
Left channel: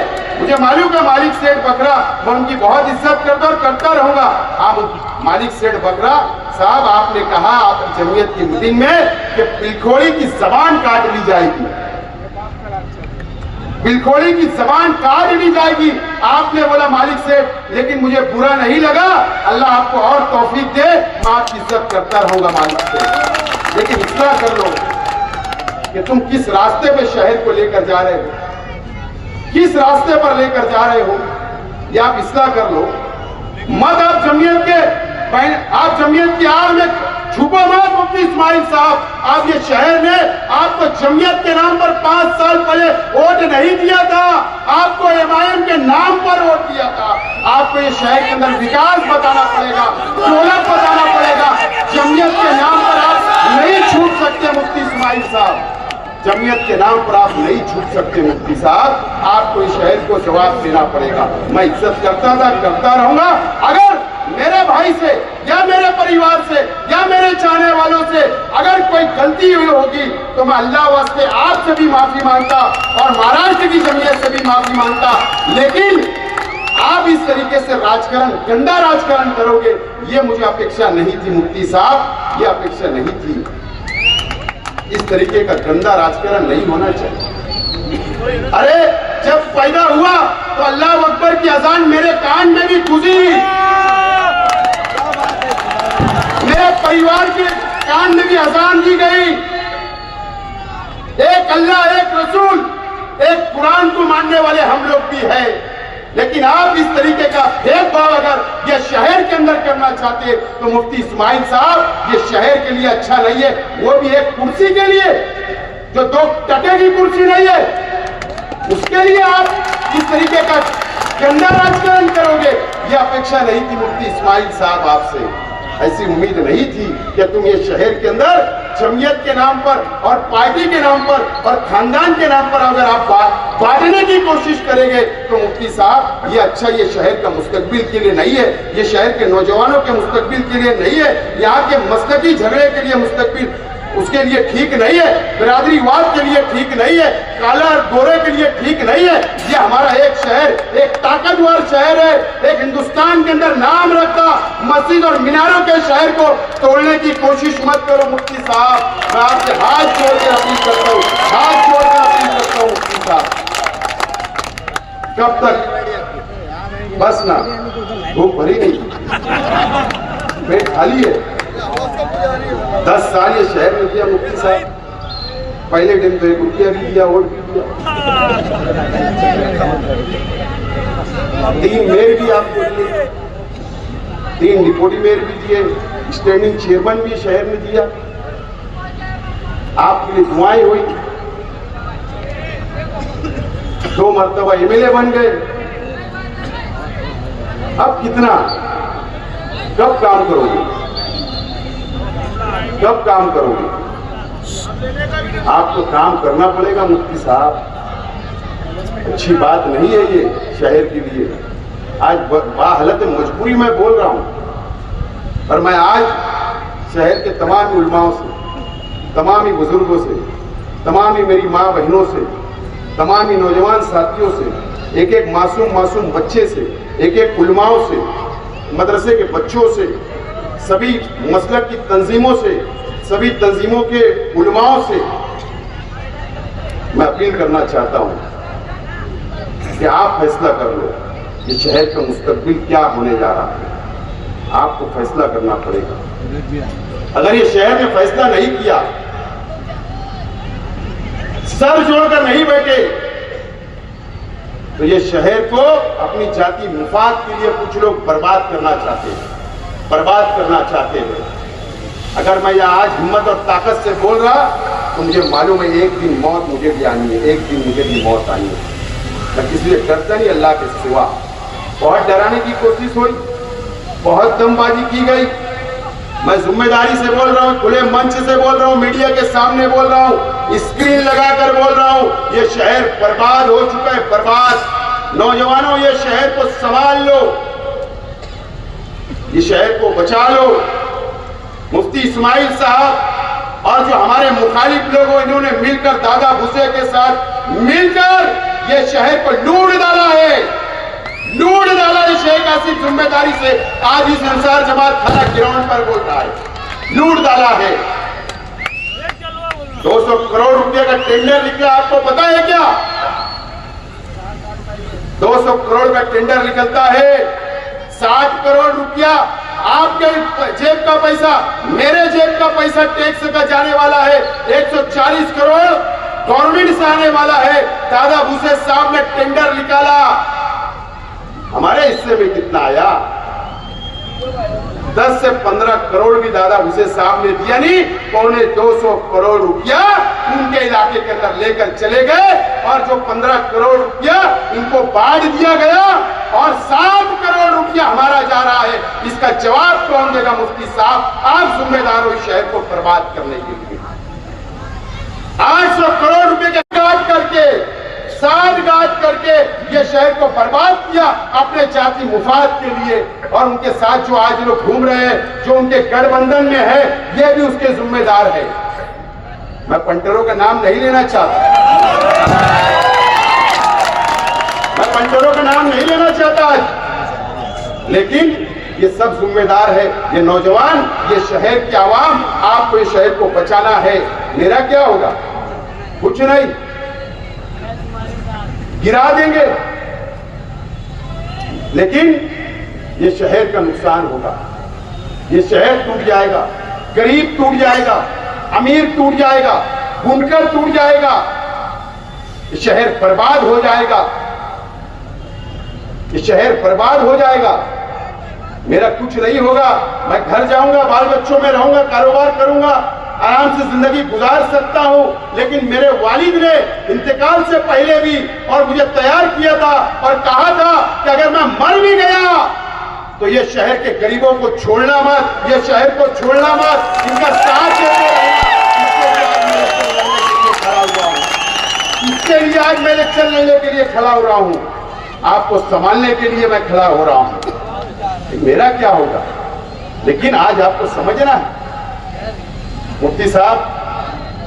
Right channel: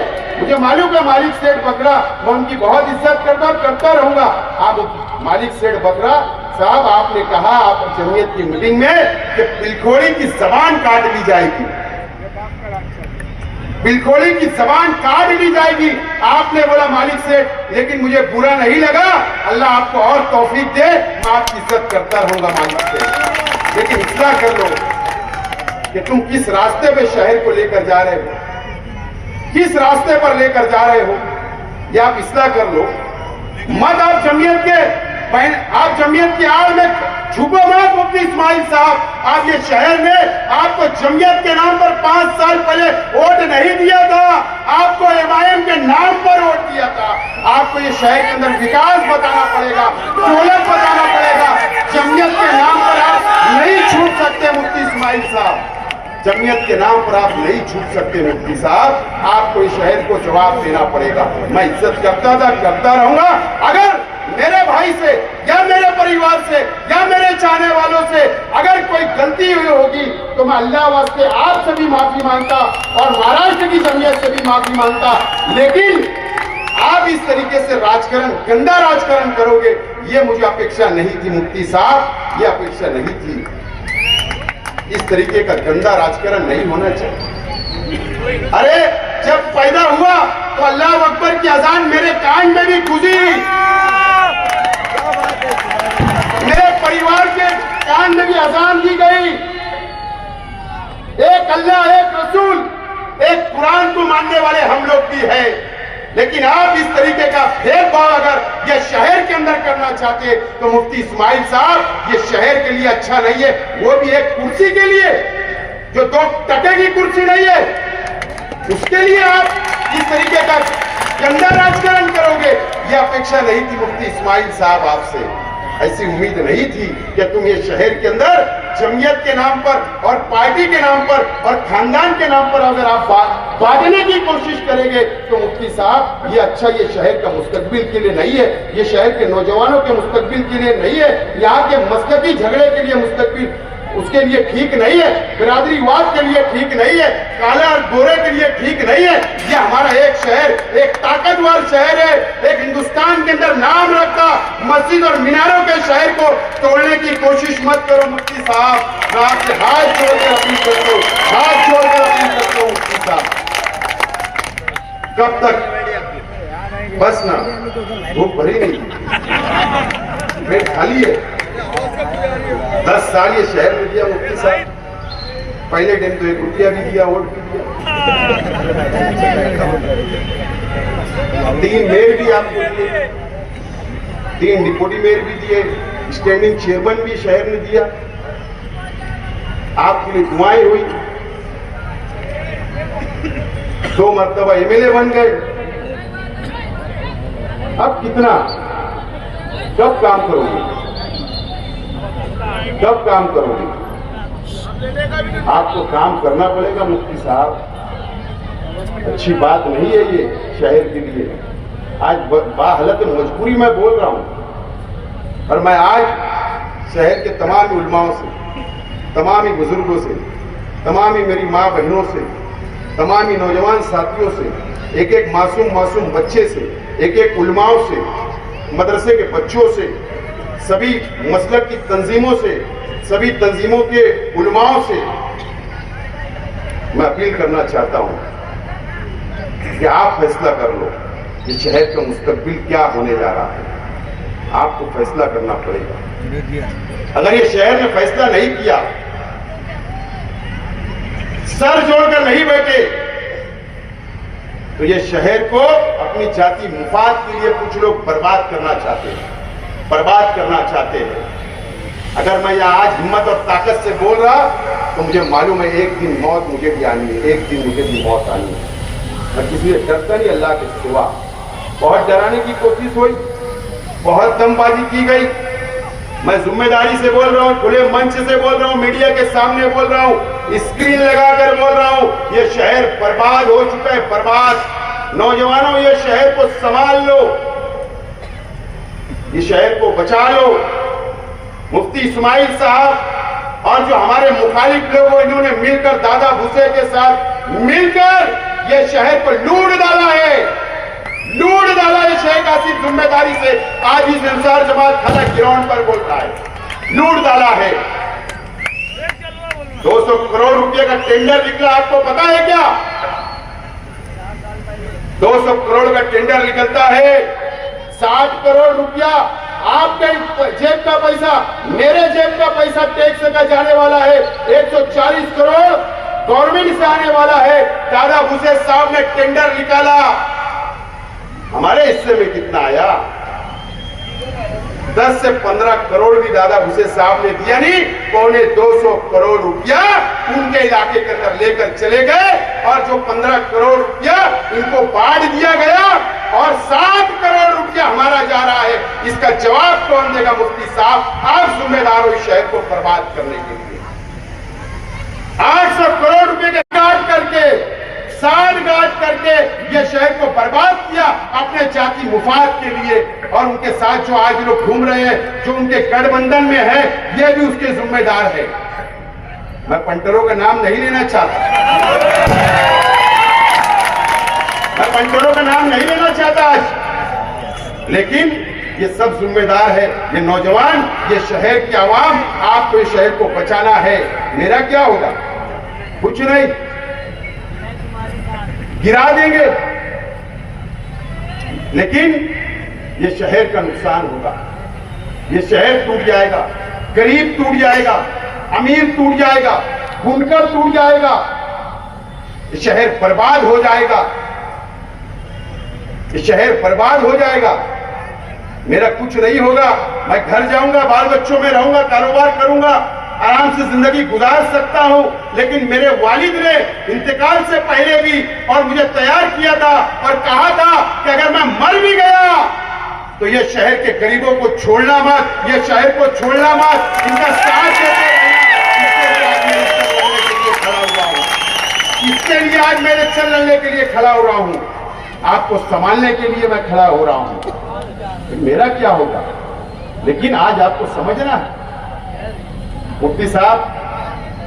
मुझे मालूम है मालिक सेठ बकरा, मैं उनकी बहुत इज्जत करता और करता रहूंगा। आप मालिक सेठ बकरा साहब, आपने कहा आपकी जमीयत की मीटिंग में कि बिलखोड़ी की जबान काट ली जाएगी, बिलखोड़ी की जबान काट ली जाएगी, आपने बोला मालिक सेठ, लेकिन मुझे बुरा नहीं लगा, अल्लाह आपको और तौफीक दे, मैं आपकी इज्जत करता रहूंगा मालिक सेठ, लेकिन इस्लाह कर लो कि तुम किस रास्ते पे शहर को लेकर जा रहे हो, किस रास्ते पर लेकर जा रहे हो, ये आप इस्लाह कर लो। मत आप जमीयत के आड़ में छुपो मत मुफ्ती इस्माइल साहब। आप ये शहर ने आपको जमीयत के नाम पर 5 साल पहले वोट नहीं दिया था, आपको एमआईएम के नाम पर वोट दिया था। आपको ये शहर के अंदर विकास बताना पड़ेगा, दौलत बताना पड़ेगा। जमीयत के नाम पर आप नहीं छूट सकते मुफ्ती इस्माइल साहब, जमीयत के नाम पर आप नहीं छूट सकते मुफ्ती साहब। आपको इस शहर को जवाब देना पड़ेगा। मैं इज्जत करता था, करता रहूंगा। अगर मेरे भाई से या मेरे परिवार से या मेरे चाहने वालों से अगर कोई गलती हुई होगी तो मैं अल्लाह वास्ते आपसे भी माफी मांगता और महाराष्ट्र की जमीयत से भी माफी मांगता। लेकिन आप इस तरीके से राजकारण, गंदा राजकारण करोगे, ये मुझे अपेक्षा नहीं थी मुफ्ती साहब, ये अपेक्षा नहीं थी। इस तरीके का गंदा राजकारण नहीं होना चाहिए। अरे जब पैदा हुआ तो अल्लाह अकबर की अजान मेरे कान में भी गुजी, मेरे परिवार के कान में भी अजान दी गई। एक अल्लाह, एक रसूल, एक कुरान को मानने वाले हम लोग भी हैं। लेकिन आप इस तरीके का भेदभाव अगर ये शहर के अंदर करना चाहते तो मुफ्ती इस्माइल साहब, ये शहर के लिए अच्छा नहीं है। वो भी एक कुर्सी के लिए, जो 2 टके की कुर्सी नहीं है, उसके लिए आप इस तरीके का गंदा राजकारण करोगे, ये अपेक्षा नहीं थी मुफ्ती इस्माइल साहब आपसे। ऐसी उम्मीद नहीं थी कि तुम ये शहर के अंदर जमीयत के नाम पर और पार्टी के नाम पर और खानदान के नाम पर अगर आप बांटने की कोशिश करेंगे तो मुफ्ती साहब, ये अच्छा ये शहर का मुस्तकबिल के लिए नहीं है, ये शहर के नौजवानों के मुस्तकबिल के लिए नहीं है, यहाँ के मसलकी झगड़े के लिए मुस्तकबिल उसके लिए ठीक नहीं है, बिरादरीवाद के लिए ठीक नहीं है, काला और गोरे के लिए ठीक नहीं है। ये हमारा एक शहर, एक ताकतवर शहर है, एक हिंदुस्तान के अंदर नाम रखता मस्जिद और मीनारों के शहर को तोड़ने की कोशिश मत करो मुफ्ती साहब। मैं आपसे हाथ जोड़कर अपील करता हूँ, हाथ जोड़कर अपील करता हूँ मुफ्ती साहब। कब तक बस ना, भूख भरी नहीं, पेट खाली है। 10 साल ये शहर में दिया मुफ्ती साहब, पहले दिन तो 1 रुपया भी दिया, वोट भी दिया, 3 मेयर भी आपको दिए, 3 डिप्टी मेयर भी दिए, स्टैंडिंग चेयरमैन भी शहर में दिया, आपके लिए दुआएं हुई, 2 मरतबा एमएलए बन गए। अब कितना, कब काम करोगे, कब काम करोगे? आपको काम करना पड़ेगा मुफ्ती साहब। अच्छी बात नहीं है ये शहर के लिए। आज बाहालत मजबूरी में बोल रहा हूं, और मैं आज शहर के तमाम उलमाओं से, तमाम बुजुर्गों से, तमाम मेरी माँ बहनों से, तमाम नौजवान साथियों से, एक मासूम बच्चे से, एक उलमाओं से, मदरसे के बच्चों से, सभी मसलक की तंजीमों से, सभी तंजीमों के उलमाओं से मैं अपील करना चाहता हूं कि आप फैसला कर लो कि शहर का मुस्तकबिल क्या होने जा रहा है। आपको फैसला करना पड़ेगा। अगर ये शहर ने फैसला नहीं किया, सर जोड़कर नहीं बैठे, तो ये शहर को अपनी जाति मुफाद के लिए कुछ लोग बर्बाद करना चाहते हैं, बर्बाद करना चाहते हैं। अगर मैं यहाँ आज हिम्मत और ताकत से बोल रहा तो मुझे मालूम है एक दिन मौत मुझे भी आनी है, एक दिन मुझे भी मौत आनी है। मैं किसी से डरता नहीं अल्लाह के सिवा। बहुत डराने की कोशिश हुई, बहुत दमबाजी की गई। मैं जिम्मेदारी से बोल रहा हूँ, खुले मंच से बोल रहा हूँ, मीडिया के सामने बोल रहा हूँ, स्क्रीन लगाकर बोल रहा हूँ, ये शहर बर्बाद हो चुका है, बर्बाद। नौजवानों, ये शहर को संभाल लो, ये शहर को बचा लो। मुफ्ती इस्माइल साहब और जो हमारे मुखालिफ लोग हैं, इन्होंने मिलकर दादा भुसे के साथ मिलकर ये शहर को लूट डाला है, लूट डाला है। शेख आसिफ जिम्मेदारी से आज इस अंसार जमात खाना ग्राउंड पर बोल रहा है, लूट डाला है। 200 करोड़ रुपए का टेंडर निकला, आपको पता है क्या? 200 करोड़ का टेंडर निकलता है, 60 करोड़ रुपया आपके जेब का पैसा, मेरे जेब का पैसा टैक्स का जाने वाला है। 140 करोड़ गवर्नमेंट से आने वाला है। दादा भुसे साहब ने टेंडर निकाला, हमारे हिस्से में कितना आया? 10 से 15 करोड़ भी दादा हुसैन साहब ने दिया नहीं, 250 करोड़ रुपया उनके इलाके के अंदर लेकर चले गए और जो 15 करोड़ रुपया इनको बांट दिया गया और 7 करोड़ रुपया हमारा जा रहा है, इसका जवाब कौन देगा? मुफ्ती साहब, आप जिम्मेदार हो इस शहर को बर्बाद करने के लिए। 800 करोड़ रुपए के काट करके, साठ गांठ करके ये शहर को बर्बाद किया अपने जाति मुफाद के लिए। और उनके साथ जो आज लोग घूम रहे हैं, जो उनके गठबंधन में है, ये भी उसके जिम्मेदार है। मैं पंटरों का नाम नहीं लेना चाहता, मैं पंटरों का नाम नहीं लेना चाहता आज, लेकिन ये सब जिम्मेदार है। ये नौजवान, ये शहर की आवाम, आपको इस शहर को बचाना है। मेरा क्या होगा? कुछ नहीं, गिरा देंगे, लेकिन ये शहर का नुकसान होगा। ये शहर टूट जाएगा, गरीब टूट जाएगा, अमीर टूट जाएगा, बुनकर टूट जाएगा, ये शहर बर्बाद हो जाएगा, ये शहर बर्बाद हो जाएगा। मेरा कुछ नहीं होगा, मैं घर जाऊंगा, बाल बच्चों में रहूंगा, कारोबार करूंगा, आराम से जिंदगी गुजार सकता हूं। लेकिन मेरे वालिद ने इंतकाल से पहले भी और मुझे तैयार किया था और कहा था कि अगर मैं मर भी गया तो ये शहर के गरीबों को छोड़ना मत, ये शहर को छोड़ना मत, इनका साथ देते रहना। इसके लिए आज मैं इलेक्शन लड़ने के लिए खड़ा हो रहा हूं, आपको संभालने के लिए मैं खड़ा हो रहा हूं। मेरा क्या होगा? लेकिन आज आपको समझना है, मुफ्ती साहब,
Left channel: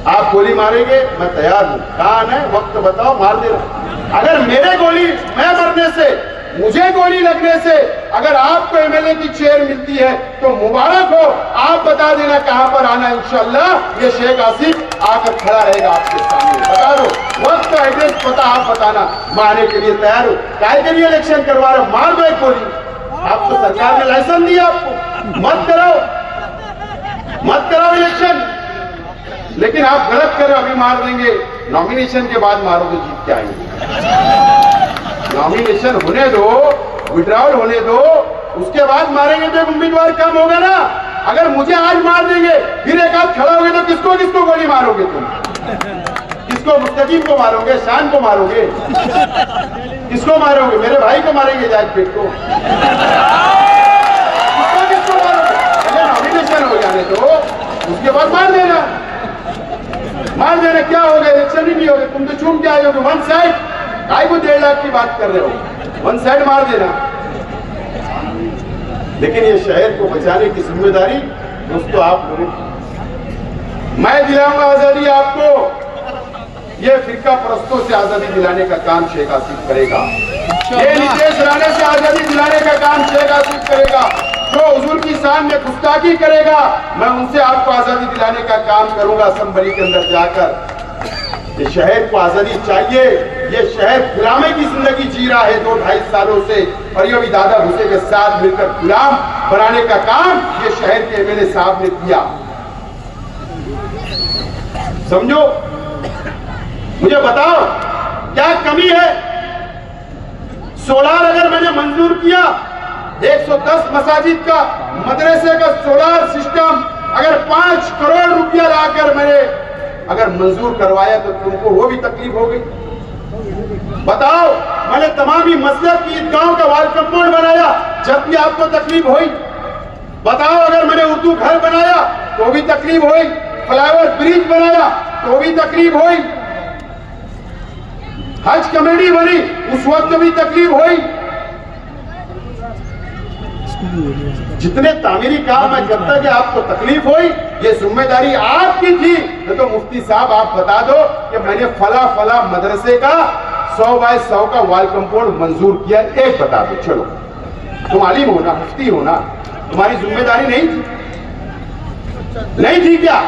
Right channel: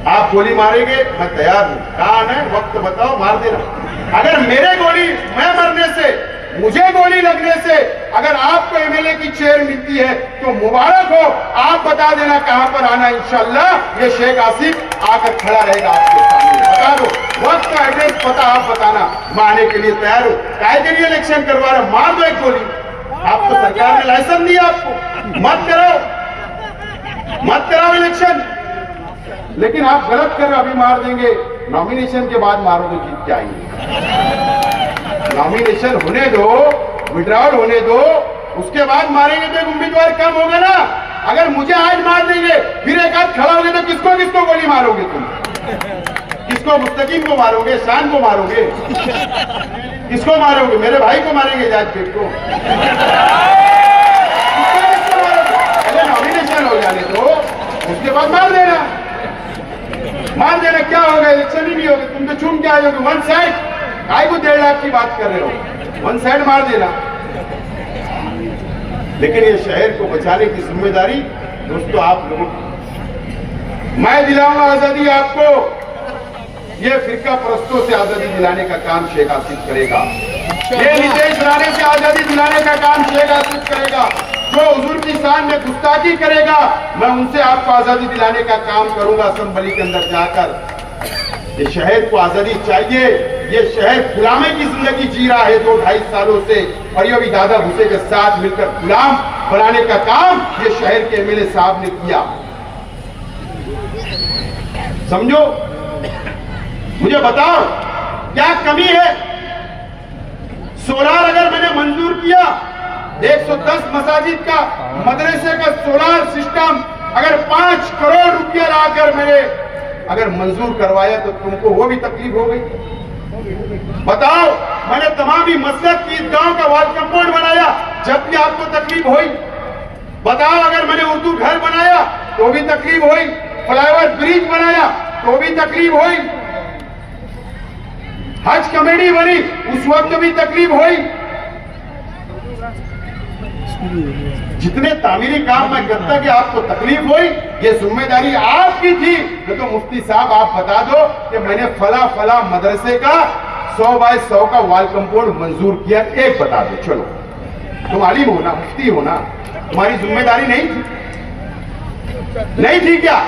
आप गोली मारेंगे, मैं तैयार हूं। कहां है? वक्त बताओ, मार देना। अगर मेरे गोली, मैं मरने से, मुझे गोली लगने से अगर आपको एमएलए की चेयर मिलती है तो मुबारक हो। आप बता देना कहां पर आना, इंशाल्लाह ये शेख आसिफ आकर खड़ा रहेगा आपके सामने। बता दो वक्त का एड्रेस पता, आप बताना, मैं आने के लिए तैयार हूं। काहे के लिए इलेक्शन करवा रहा? मार दो एक गोली। आपको सरकार ने लाइसेंस दिया, आपको मत कराओ, मत कराओ इलेक्शन। लेकिन आप गलत कर रहे हो, अभी मार देंगे, नॉमिनेशन के बाद मारो तो जीत के आएंगे। नॉमिनेशन होने दो, विड्रॉल होने दो, उसके बाद मारेंगे तो उम्मीदवार कम होगा ना। अगर मुझे आज मार देंगे, फिर एक आध खड़ा होंगे तो किसको किसको गोली मारोगे तुम? किसको? मुस्तकीम को मारोगे? शान को मारोगे? किसको मारोगे? मेरे भाई को मारेंगे, जायद बेग को? किसको मारोगे? नॉमिनेशन हो जाने दो, उसके बाद मार देना। मार देना क्या होगा? इलेक्शन ही नहीं होगा, तुम तो चूम के आए हो। वन साइड, काय को 1.5 लाख की बात कर रहे हो? वन साइड मार देना। लेकिन ये शहर को बचाने की जिम्मेदारी दोस्तों आप लोगों की। मैं दिलाऊंगा आजादी आपको, ये फिरका परस्तों से आजादी दिलाने का काम शेख आसिफ करेगा। ये नितेश राणे से आजादी दिलाने का काम शेख आसिफ करेगा। जो हुजूर की शान में गुस्ताखी करेगा, मैं उनसे आपको आजादी दिलाने का काम करूंगा असेंबली के अंदर जाकर। ये शहर को आजादी चाहिए। ये शहर गुलामी की जिंदगी जी रहा है 2-2.5 सालों से, और ये भी दादा भूसे के साथ मिलकर गुलाम बनाने का काम ये शहर के एमएलए साहब ने किया। समझो, मुझे बताओ क्या कमी है? सोलार अगर मैंने मंजूर किया, 110 मसाजिद का, मदरसे का सोलार सिस्टम अगर 5 करोड़ रुपया लाकर मैंने अगर मंजूर करवाया तो तुमको वो भी तकलीफ हो गई? बताओ, मैंने तमामी मसलक की ईदगाहों का वाल कंपाउंड बनाया, जब भी आपको तकलीफ हुई? बताओ, अगर मैंने उर्दू घर बनाया तो भी तकलीफ हुई? फ्लाईओवर ब्रिज बनाया तो भी तकलीफ हुई? हज कमेटी बनी उस वक्त भी तकलीफ हुई? जितने तामीरी काम मैं करता कि आपको तकलीफ हुई, ये जिम्मेदारी आपकी थी। तो मुफ्ती साहब आप बता दो कि मैंने फला फला मदरसे का 100 बाय 100 का वाल कंपाउंड मंजूर किया, एक बता दो। चलो, तुम आलिम हो ना, मुफ्ती हो ना, तुम्हारी जिम्मेदारी नहीं थी? नहीं थी क्या?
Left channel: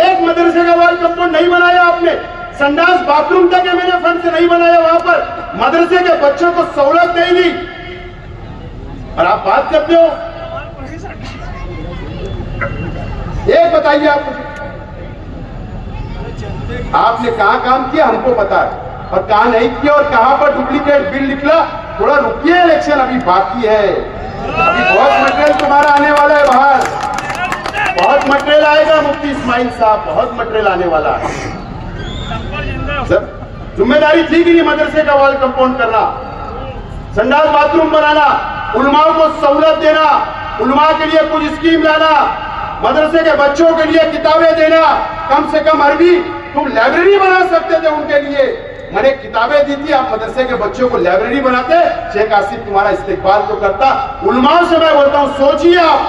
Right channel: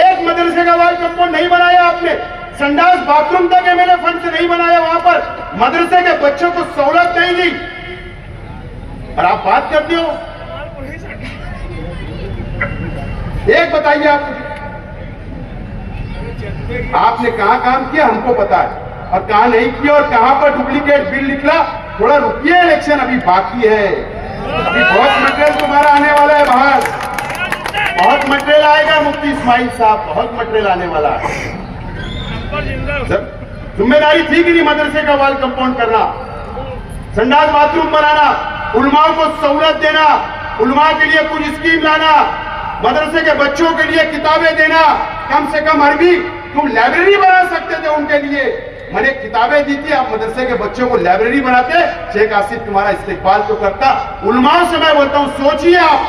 एक मदरसे का वाल कंपाउंड नहीं बनाया आपने? संडास बाथरूम तक मैंने फंड से नहीं बनाया वहां पर, मदरसे के बच्चों को सहूलत नहीं दी, और आप बात करते हो? एक बताइए आप मुझे, आपने कहां काम किया हमको पता है, और कहां नहीं किया, और कहां पर डुप्लीकेट बिल निकला? थोड़ा रुकिए, इलेक्शन अभी बाकी है। अभी बहुत मटेरियल तुम्हारा आने वाला है बाहर, बहुत मटेरियल आएगा मुफ्ती इस्माइल साहब, बहुत मटेरियल आने वाला है। जिम्मेदारी थी कि नहीं मदरसे का वाल कंपाउंड करना, संडास बाथरूम बनाना, उलमा को सहूलत देना, उलमा के लिए कुछ स्कीम लाना, मदरसे के बच्चों के लिए किताबें देना, कम से कम अरबी तुम लाइब्रेरी बना सकते थे उनके लिए। मैंने किताबें दी थी, आप मदरसे के बच्चों को लाइब्रेरी बनाते, शेख आसिफ तुम्हारा इस्तेकबाल तो करता। उलमाओं से मैं बोलता हूँ, सोचिए आप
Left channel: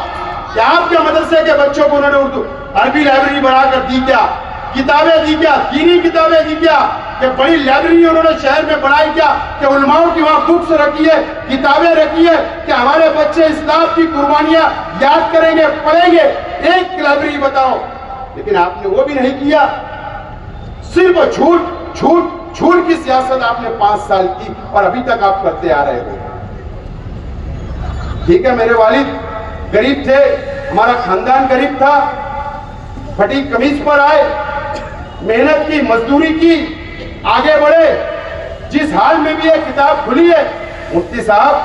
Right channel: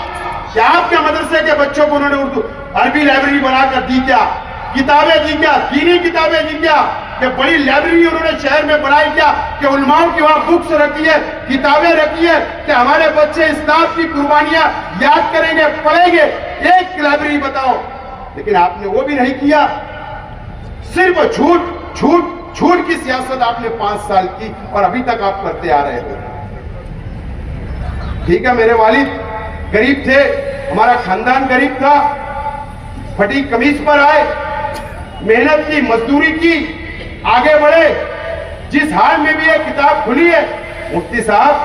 कि आपके मदरसे के बच्चों को उन्होंने उर्दू अरबी लाइब्रेरी बनाकर दी क्या, किताबें दी क्या, दीनी किताबें दी क्या, कि बड़ी लाइब्रेरी उन्होंने शहर में बनाई क्या, कि उलमाओं की वहां बुक्स रखी है, किताबें रखी है, कि हमारे बच्चे इस्लाम की कुर्बानियां याद करेंगे, पढ़ेंगे। एक लाइब्रेरी बताओ, लेकिन आपने वो भी नहीं किया। सिर्फ झूठ झूठ झूठ की सियासत आपने 5 साल की और अभी तक आप करते आ रहे हो। ठीक है, मेरे वालिद गरीब थे, हमारा खानदान गरीब था, फटी कमीज पर आए, मेहनत की, मजदूरी की, आगे बढ़े। जिस हाल में भी ये किताब खुली है, मुफ्ती साहब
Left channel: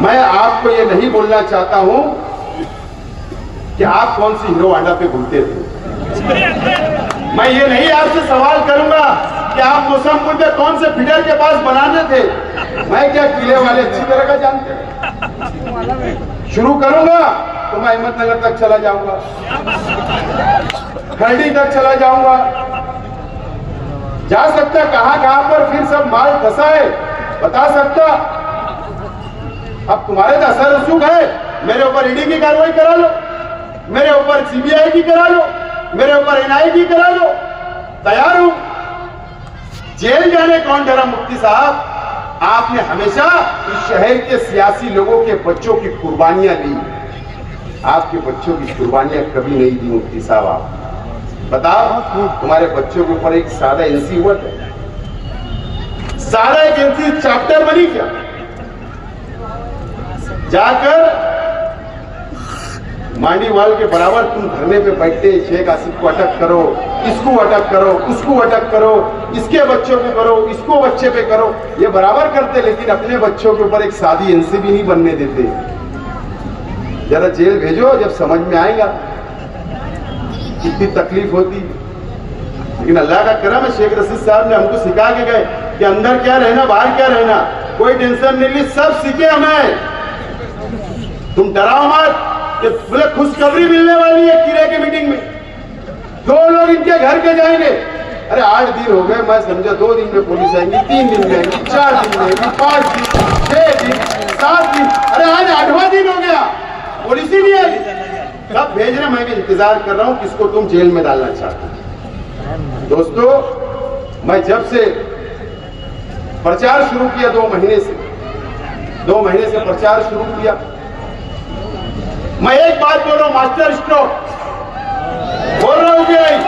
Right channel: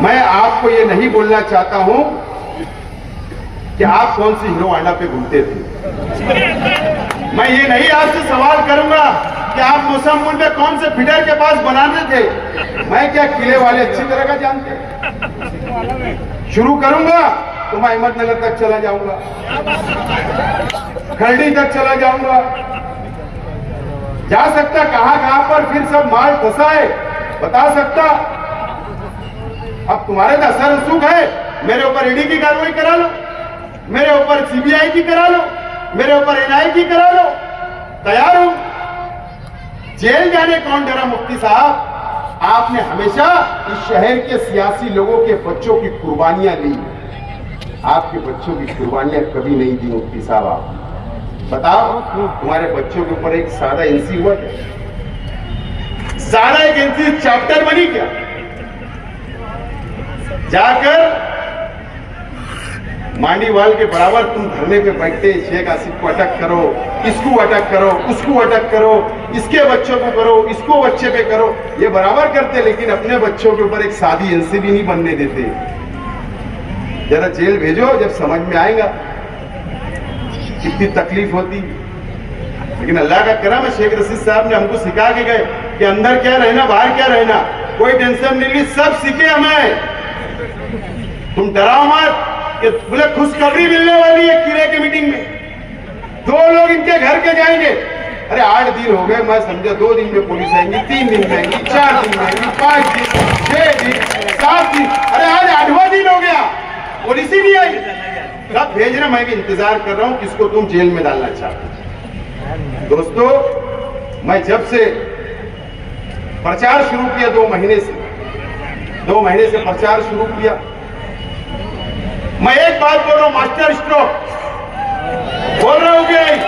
मैं आपको ये नहीं बोलना चाहता हूं कि आप कौन सी हीरो होंडा पे घूमते थे। मैं ये नहीं आपसे सवाल करूंगा कि आप मुसम्मुल में कौन से फिडर के पास बनाने थे। मैं क्या किले वाले अच्छी तरह का जानते। शुरू करूंगा तो मैं अहमदनगर तक चला जाऊंगा, खरड़ी तक चला जाऊंगा, जा सकता कहां कहां पर फिर सब माल फंसा है बता सकता। अब तुम्हारे तो असर रसूख है, मेरे ऊपर ईडी की कार्रवाई करा लो, मेरे ऊपर सीबीआई की करा लो, मेरे ऊपर एनआई की करा लो, तैयार हूं। जेल जाने कौन डरा मुफ्ती साहब? आपने हमेशा इस शहर के सियासी लोगों के बच्चों की कुर्बानियां ली, आपके बच्चों की कुर्बानियां कभी नहीं दी मुफ्ती साहब। आप बताओ, तुम्हारे बच्चों के ऊपर एक सादा एनसी हुआ क्या? सादा एक एनसी चैप्टर बनी क्या? जाकर मांडीवाल के बराबर तुम धरने पे बैठते, शेख आसिफ को अटक करो, इसको अटक करो, उसको अटक करो, इसके बच्चों को करो, इसको बच्चे पे करो, ये बराबर करते, लेकिन अपने बच्चों के ऊपर एक सादी एनसी भी नहीं बनने देते। जरा जेल भेजो, जब समझ में आएगा कितनी तकलीफ होती। लेकिन अल्लाह का करम है, शेख रशीद साहब ने हमको सिखा के गए कि अंदर क्या रहना, बाहर क्या रहना, कोई टेंशन नहीं ली, सब सीखे हमें। तुम डराओ मत कि बोले खुशखबरी मिलने वाली है किले की मीटिंग में, 2 लोग इनके घर के जाएंगे। अरे 8 दिन हो गए, मैं समझा 2 दिन में पुलिस आएंगी, 3 दिन में आएंगी, 4 दिन में आएंगी, 5 दिन, 6 दिन, 7 दिन, अरे आज 8वां दिन हो गया, पुलिस ही नहीं आई। कब भेज रहे? मैं भी इंतजार कर रहा हूं किसको तुम जेल में डालना चाहते हो। दोस्तों, मैं जब से प्रचार शुरू किया 2 महीने से प्रचार शुरू किया, मैं एक बात बोल रहा हूं, मास्टर स्ट्रोक बोल रहा हूं कि नहीं?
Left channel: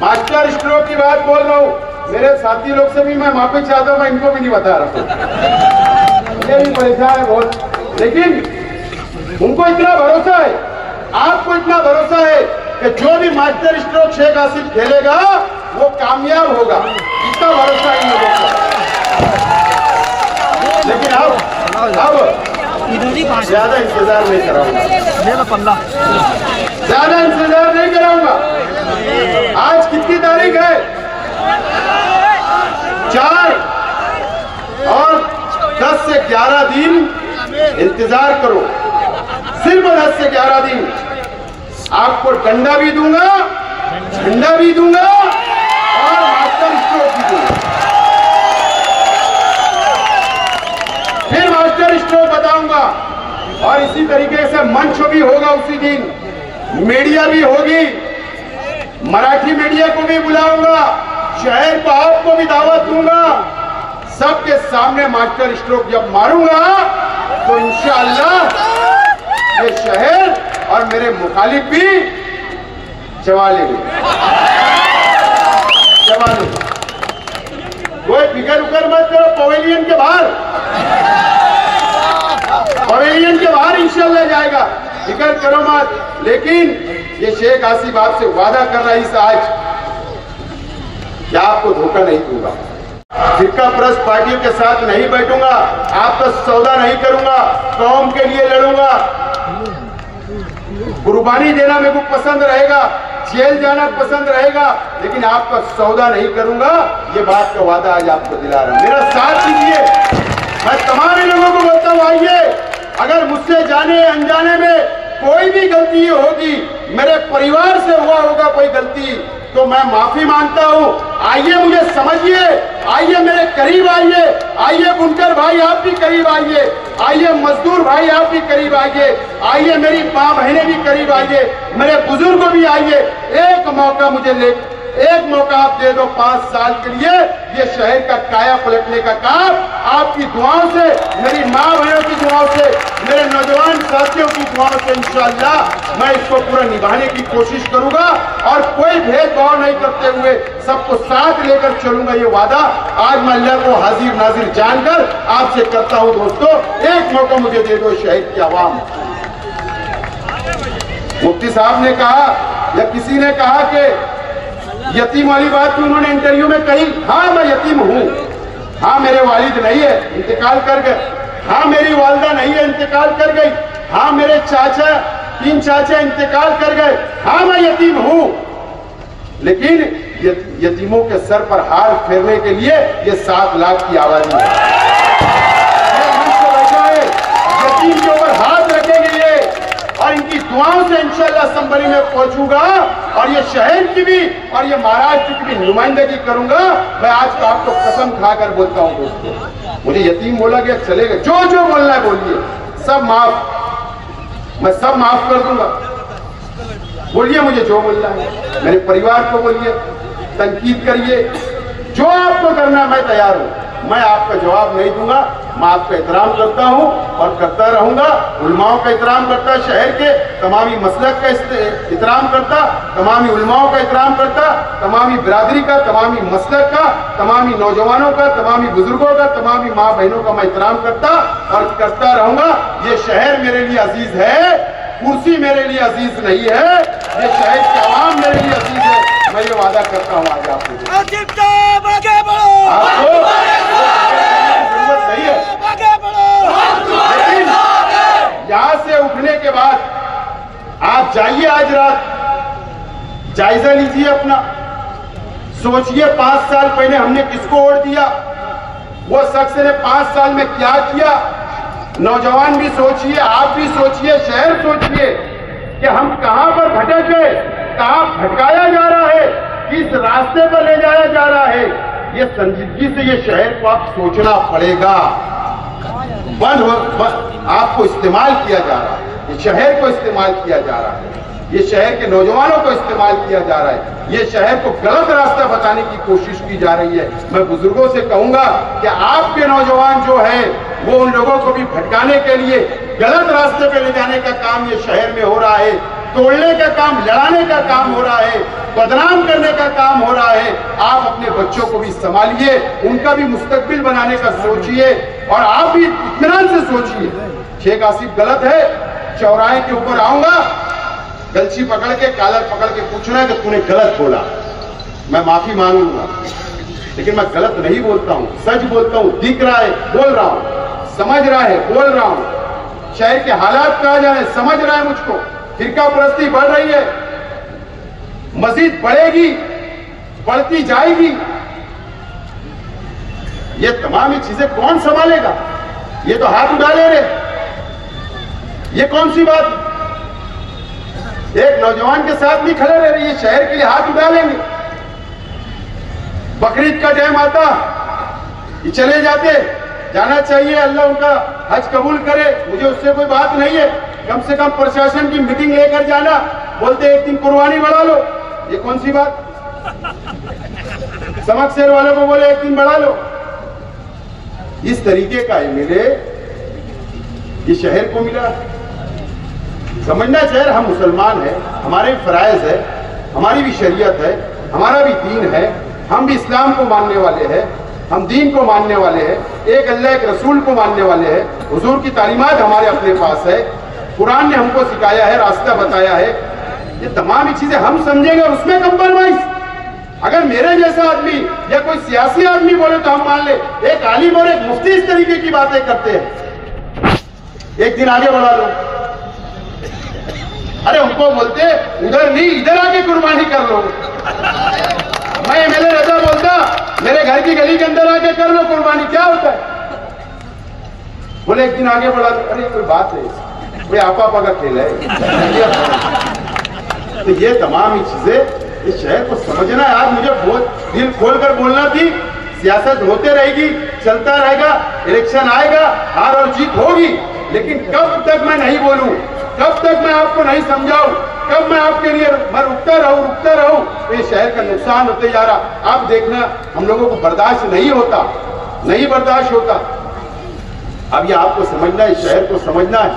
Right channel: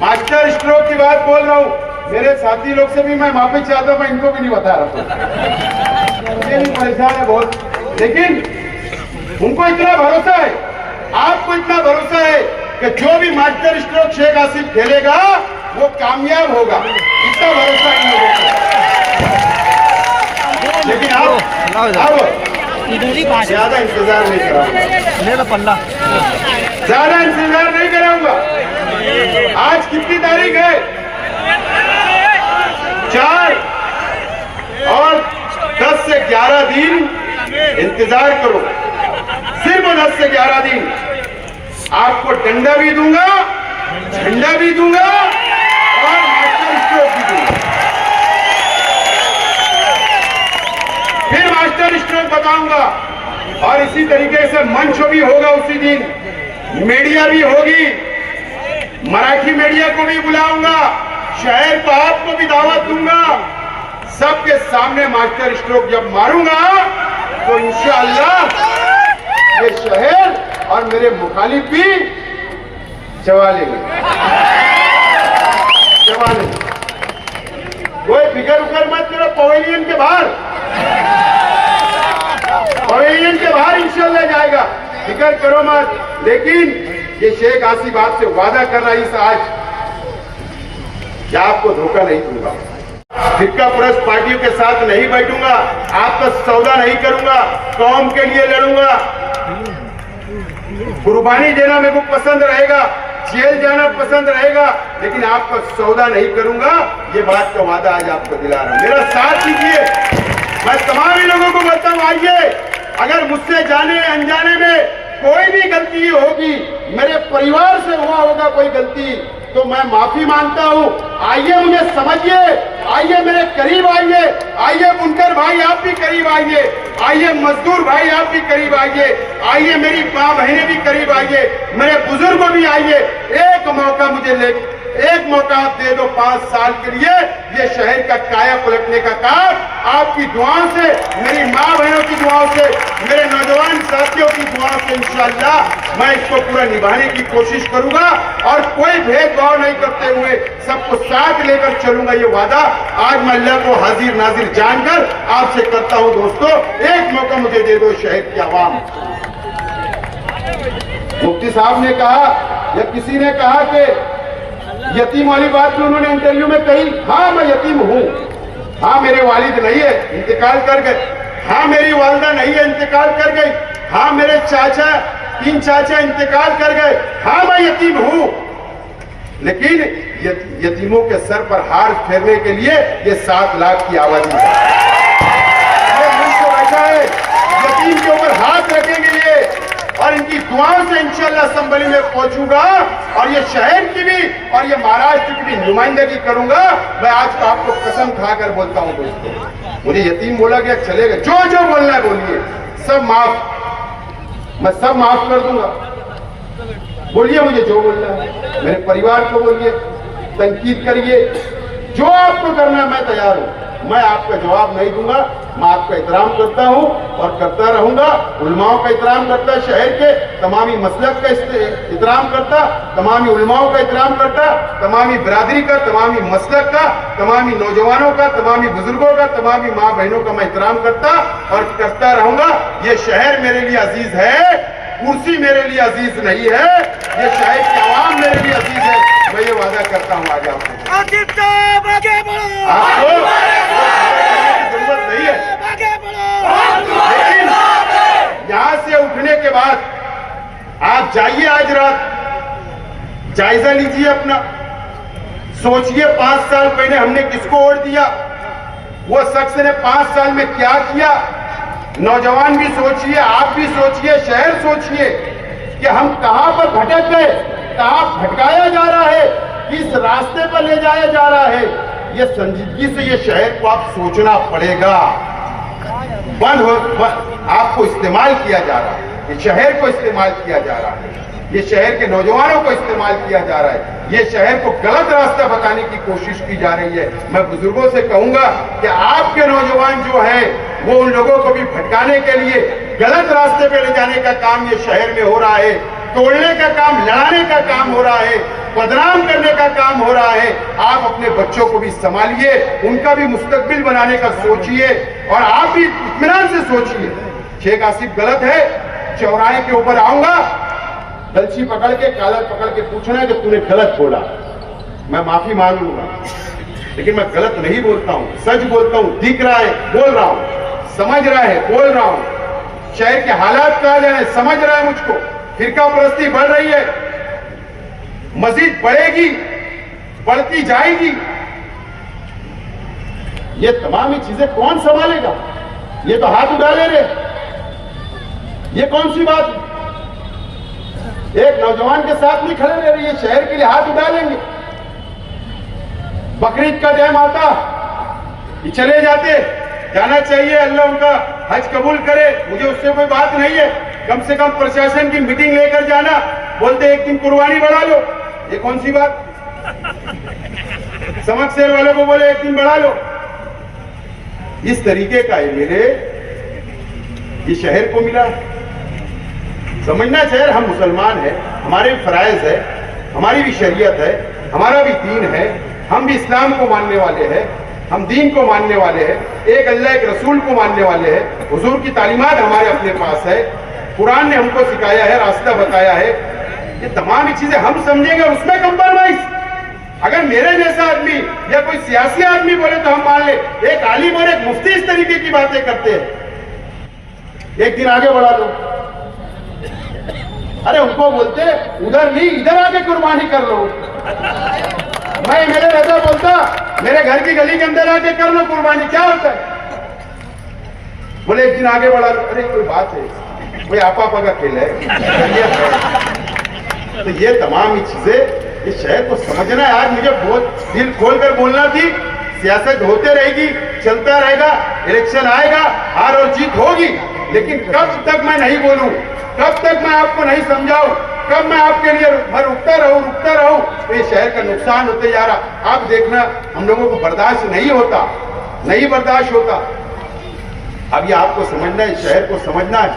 मास्टर स्ट्रोक की बात बोल रहा हूं। मेरे साथी लोग से भी मैं माफी चाहता हूं, मैं इनको भी नहीं बता रहा था, ये भी परेशान है बहुत। लेकिन उनको इतना भरोसा है, आपको इतना भरोसा है कि जो भी मास्टर स्ट्रोक शेख आसिफ खेलेगा वो कामयाब होगा, इतना भरोसा है इन लोगों को। लेकिन अब ज्यादा इंतजार नहीं कराऊंगा, ज्यादा इंतजार नहीं कराऊंगा। आज कितनी तारीख है? 4 और 10 से 11 दिन इंतजार करो, सिर्फ 10 से 11 दिन। आपको डंडा भी दूंगा, झंडा भी दूंगा और मास्टर स्ट्रोक भी दूंगा। फिर मास्टर स्ट्रोक बताऊंगा और इसी तरीके से मंच भी होगा उसी दिन, मीडिया भी होगी, मराठी मीडिया को भी बुलाऊंगा, शहर को आपको भी दावत दूंगा। सबके सामने मास्टर स्ट्रोक जब मारूंगा तो इंशाअल्लाह ये शहर और मेरे मुखालिफ भी चबा लेंगे। कोई फिकर उकर मत करो, पवेलियन के बाहर इंशाअल्लाह जाएगा, फिकर करो मत। लेकिन ये शेख आसिफ आपसे वादा कर रहा है इस आज कि आपको धोखा नहीं दूंगा। फिरका परस्त पार्टियों के साथ नहीं बैठूंगा, आपका सौदा नहीं करूंगा, कौम के लिए लड़ूंगा। कुर्बानी देना मेरे को पसंद रहेगा, जेल जाना पसंद रहेगा, लेकिन आपका सौदा नहीं करूंगा। ये बात का वादा आज आपको दिला रहा हूं, मेरा साथ दीजिए। मैं तमाम लोगों को बोलता हूं, आइए, अगर मुझसे जाने अनजाने में कोई भी गलती होगी, मेरे परिवार से हुआ होगा कोई गलती, तो मैं माफी मांगता हूं। आइए मुझे समझिए, आइए मेरे करीब आइए, आइए बुनकर भाई आप भी करीब आइए, आइए मजदूर भाई आप भी करीब आइए, आइए मेरी माँ बहनें भी करीब आइए, मेरे बुजुर्ग भी आइए। एक मौका मुझे एक मौका आप दे दो 5 साल के लिए, ये शहर का काया पलटने का काम आपकी दुआओं से, मेरी माँ बहनों की दुआओं से, मेरे नौजवान साथियों की दुआओं से इंशाअल्लाह मैं इसको पूरा निभाने की कोशिश करूंगा और कोई भेदभाव नहीं करते हुए सबको साथ लेकर चलूंगा। ये वादा आज मैं अल्लाह को हाजिर नाजिर जानकर आपसे करता हूं। दोस्तों, एक मौका मुझे दे दो शहर की आवाम। मुफ्ती साहब ने कहा या किसी ने कहा कि यतीम वाली बात में उन्होंने इंटरव्यू में कही, हाँ मैं यतीम हूँ, हाँ मेरे वालिद नहीं है, इंतकाल कर गए, हाँ मेरी वालिदा नहीं है, इंतकाल कर गई, हाँ मेरे 3 चाचा इंतकाल कर गए, हाँ मैं यतीम हूँ। लेकिन यतीमों के सर पर हार फेरने के लिए ये 7 लाख की आबादी है, ये मुझसे बैठा है, यतीम के ऊपर हाथ रखेंगे ये, और इनकी दुआओं से इंशाअल्लाह असेंबली में पहुंचूंगा और ये शहर की भी और ये महाराष्ट्र की भी नुमाइंदगी करूंगा। मैं आज का आपको कसम खाकर बोलता हूं दोस्तों, मुझे यतीम बोला गया चलेगा, जो जो बोलना है बोलिए, सब माफ, मैं सब माफ कर दूंगा। बोलिए मुझे जो बोलना है, मेरे परिवार को बोलिए, तनकीद करिए, जो आपको करना मैं तैयार हूं। मैं आपका जवाब नहीं दूंगा, मैं आपका एहतराम करता हूं और करता रहूंगा। उलमाओं का एहतराम करता, शहर के तमामी मसलक का एहतराम करता, तमामी उलमाओं का एहतराम करता, तमामी बिरादरी का, तमामी मसलक का, तमामी नौजवानों का, तमामी बुजुर्गों का, तमामी माँ बहनों का मैं एहतराम करता और करता रहूंगा। ये शहर मेरे लिए अजीज है, कुर्सी मेरे लिए अजीज नहीं है, ये शहर की आवाम मेरे लिए अजीज है। मैं ये वादा करता हूँ आज आपको, जरूरत नहीं है, लेकिन यहाँ से उठने के बाद आप जाइए, आज रात जायजा लीजिए अपना, सोचिए 5 साल पहले हमने किसको वोट दिया, वो शख्स ने 5 साल में क्या किया। नौजवान भी सोचिए, आप भी सोचिए, शहर सोचिए कि हम कहां पर भटक गए, कहां भटकाया जा रहा है, किस रास्ते पर ले जाया जा रहा है। ये संजीदगी से ये शहर को आप सोचना पड़ेगा। आपको इस्तेमाल किया जा रहा है, ये शहर को इस्तेमाल किया जा रहा है, ये शहर के नौजवानों को इस्तेमाल किया जा रहा है, ये शहर को गलत रास्ता बताने की कोशिश की जा रही है। मैं बुजुर्गों से कहूंगा कि आपके नौजवान जो है वो उन लोगों को भी भटकाने के लिए गलत रास्ते पे ले जाने का काम ये शहर में हो रहा है, तोड़ने का काम, लड़ाने का काम हो रहा है, बदनाम करने का काम हो रहा है। आप अपने बच्चों को भी संभालिए, उनका भी मुस्तकबिल बनाने का सोचिए और आप भी इत्मीनान से सोचिए। शेख आसिफ गलत है, चौराहे के ऊपर आऊंगा, गलची पकड़ के, कालर पकड़ के पूछना है कि तूने गलत बोला, मैं माफी मांग लूंगा, लेकिन मैं गलत नहीं बोलता हूं, सच बोलता हूं, दिख रहा है बोल रहा हूं, समझ रहा है बोल रहा हूं। शहर के हालात कहा जाए, समझ रहा है मुझको, फिरका परस्ती बढ़ रही है, मजीद बढ़ेगी, बढ़ती जाएगी। ये तमाम चीजें कौन संभालेगा? ये तो हाथ उठा ले रहे, ये कौन सी बात? एक नौजवान के साथ नहीं खड़े रह रहे, ये शहर के लिए हाथ उठा लेंगे। बकरीद का टाइम आता, ये चले जाते, जाना चाहिए, अल्लाह उनका हज कबूल करे, मुझे उससे कोई बात नहीं है। कम से कम प्रशासन की मीटिंग लेकर जाना, बोलते एक दिन कुर्बानी बढ़ा लो, ये कौन सी बात? समक शेर वालों को बोले एक दिन बढ़ा लो, इस तरीके का है मेरे ये शहर को मिला। समझना चाहिए हम मुसलमान हैं, हमारे फराइज है, हमारी भी शरीयत है, हमारा भी दीन है, हम भी इस्लाम को मानने वाले हैं, हम दीन को मानने वाले हैं, एक अल्लाह एक रसूल को मानने वाले हैं, हुजूर की तालीमात हमारे अपने पास है, कुरान ने हमको सिखाया है, रास्ता बताया है। ये तमाम चीजें हम समझेंगे, उसमें कंप्रोमाइज अगर मेरे जैसा आदमी या कोई सियासी आदमी बोले तो हम मान ले, एक आलिम और एक मुफ्ती इस तरीके की बातें करते हैं, एक दिन आगे बढ़ा लो। अरे उनको बोलते उधर नहीं इधर आके कुर्बानी कर लो। मैं एमएलए रजा बोलता मेरे घर की गली के अंदर आके कर लो कुर्बानी, क्या होता है? बोले एक दिन आगे बढ़ा लो। अरे कोई बात है, कोई आपा का खेल है। तो ये तमाम ही चीजें इस शहर को समझना है। आज मुझे बहुत दिल खोलकर बोलना थी, सियासत होते रहेगी, चलता रहेगा, इलेक्शन आएगा, हार और जीत होगी, लेकिन कब तक मैं नहीं बोलूं, कब तक मैं आपको नहीं समझाऊं, कब मैं आपके लिए रुकता रहूं, तो ये शहर का नुकसान होते जा रहा। आप देखना हम लोगों को बर्दाश्त नहीं होता, नहीं बर्दाश्त होता। अब ये आपको समझना है, शहर को समझना है।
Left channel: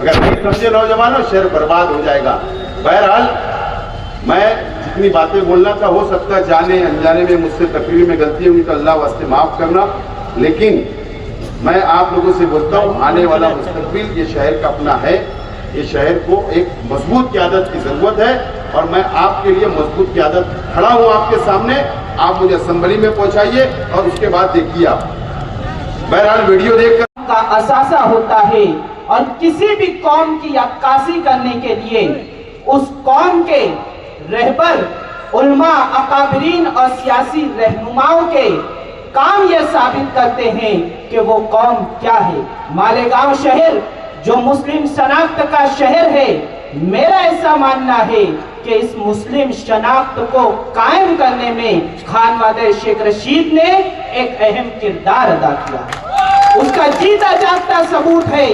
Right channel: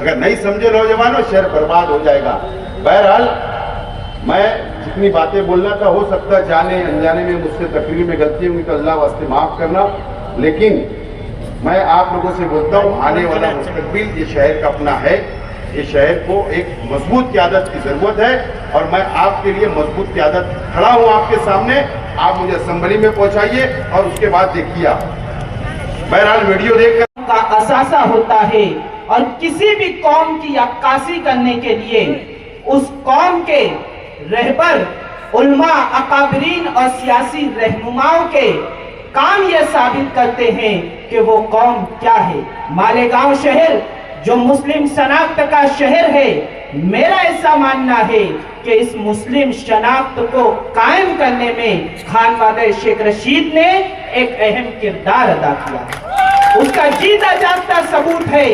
अगर नहीं समझे नौजवानों, शहर बर्बाद हो जाएगा। बहरहाल मैं जितनी बातें बोलना था, हो सकता है जाने अनजाने में मुझसे तकरीर में गलती होगी तो अल्लाह वास्ते माफ करना, लेकिन मैं आप लोगों से बोलता हूँ आने वाला मुस्तकबिल ये शहर का अपना है। ये शहर को एक मजबूत क़यादत की जरूरत है और मैं आपके लिए मजबूत क़यादत खड़ा हूँ आपके सामने। आप मुझे असेंबली में पहुंचाइए और उसके बाद देखिए आप। बहरहाल वीडियो देखकर का असासा होता है और किसी भी कौम की अक्कासी करने के लिए उस कौम के रहबर, उलमा, अकाबरीन और सियासी रहनुमाओं के काम यह साबित करते हैं कि वो कौम क्या है। मालेगांव शहर जो मुस्लिम शनाख्त का शहर है, मेरा ऐसा मानना है कि इस मुस्लिम शनाख्त को कायम करने में खानवादे शेख रशीद ने एक अहम किरदार अदा किया है। उसका जीता जागता सबूत है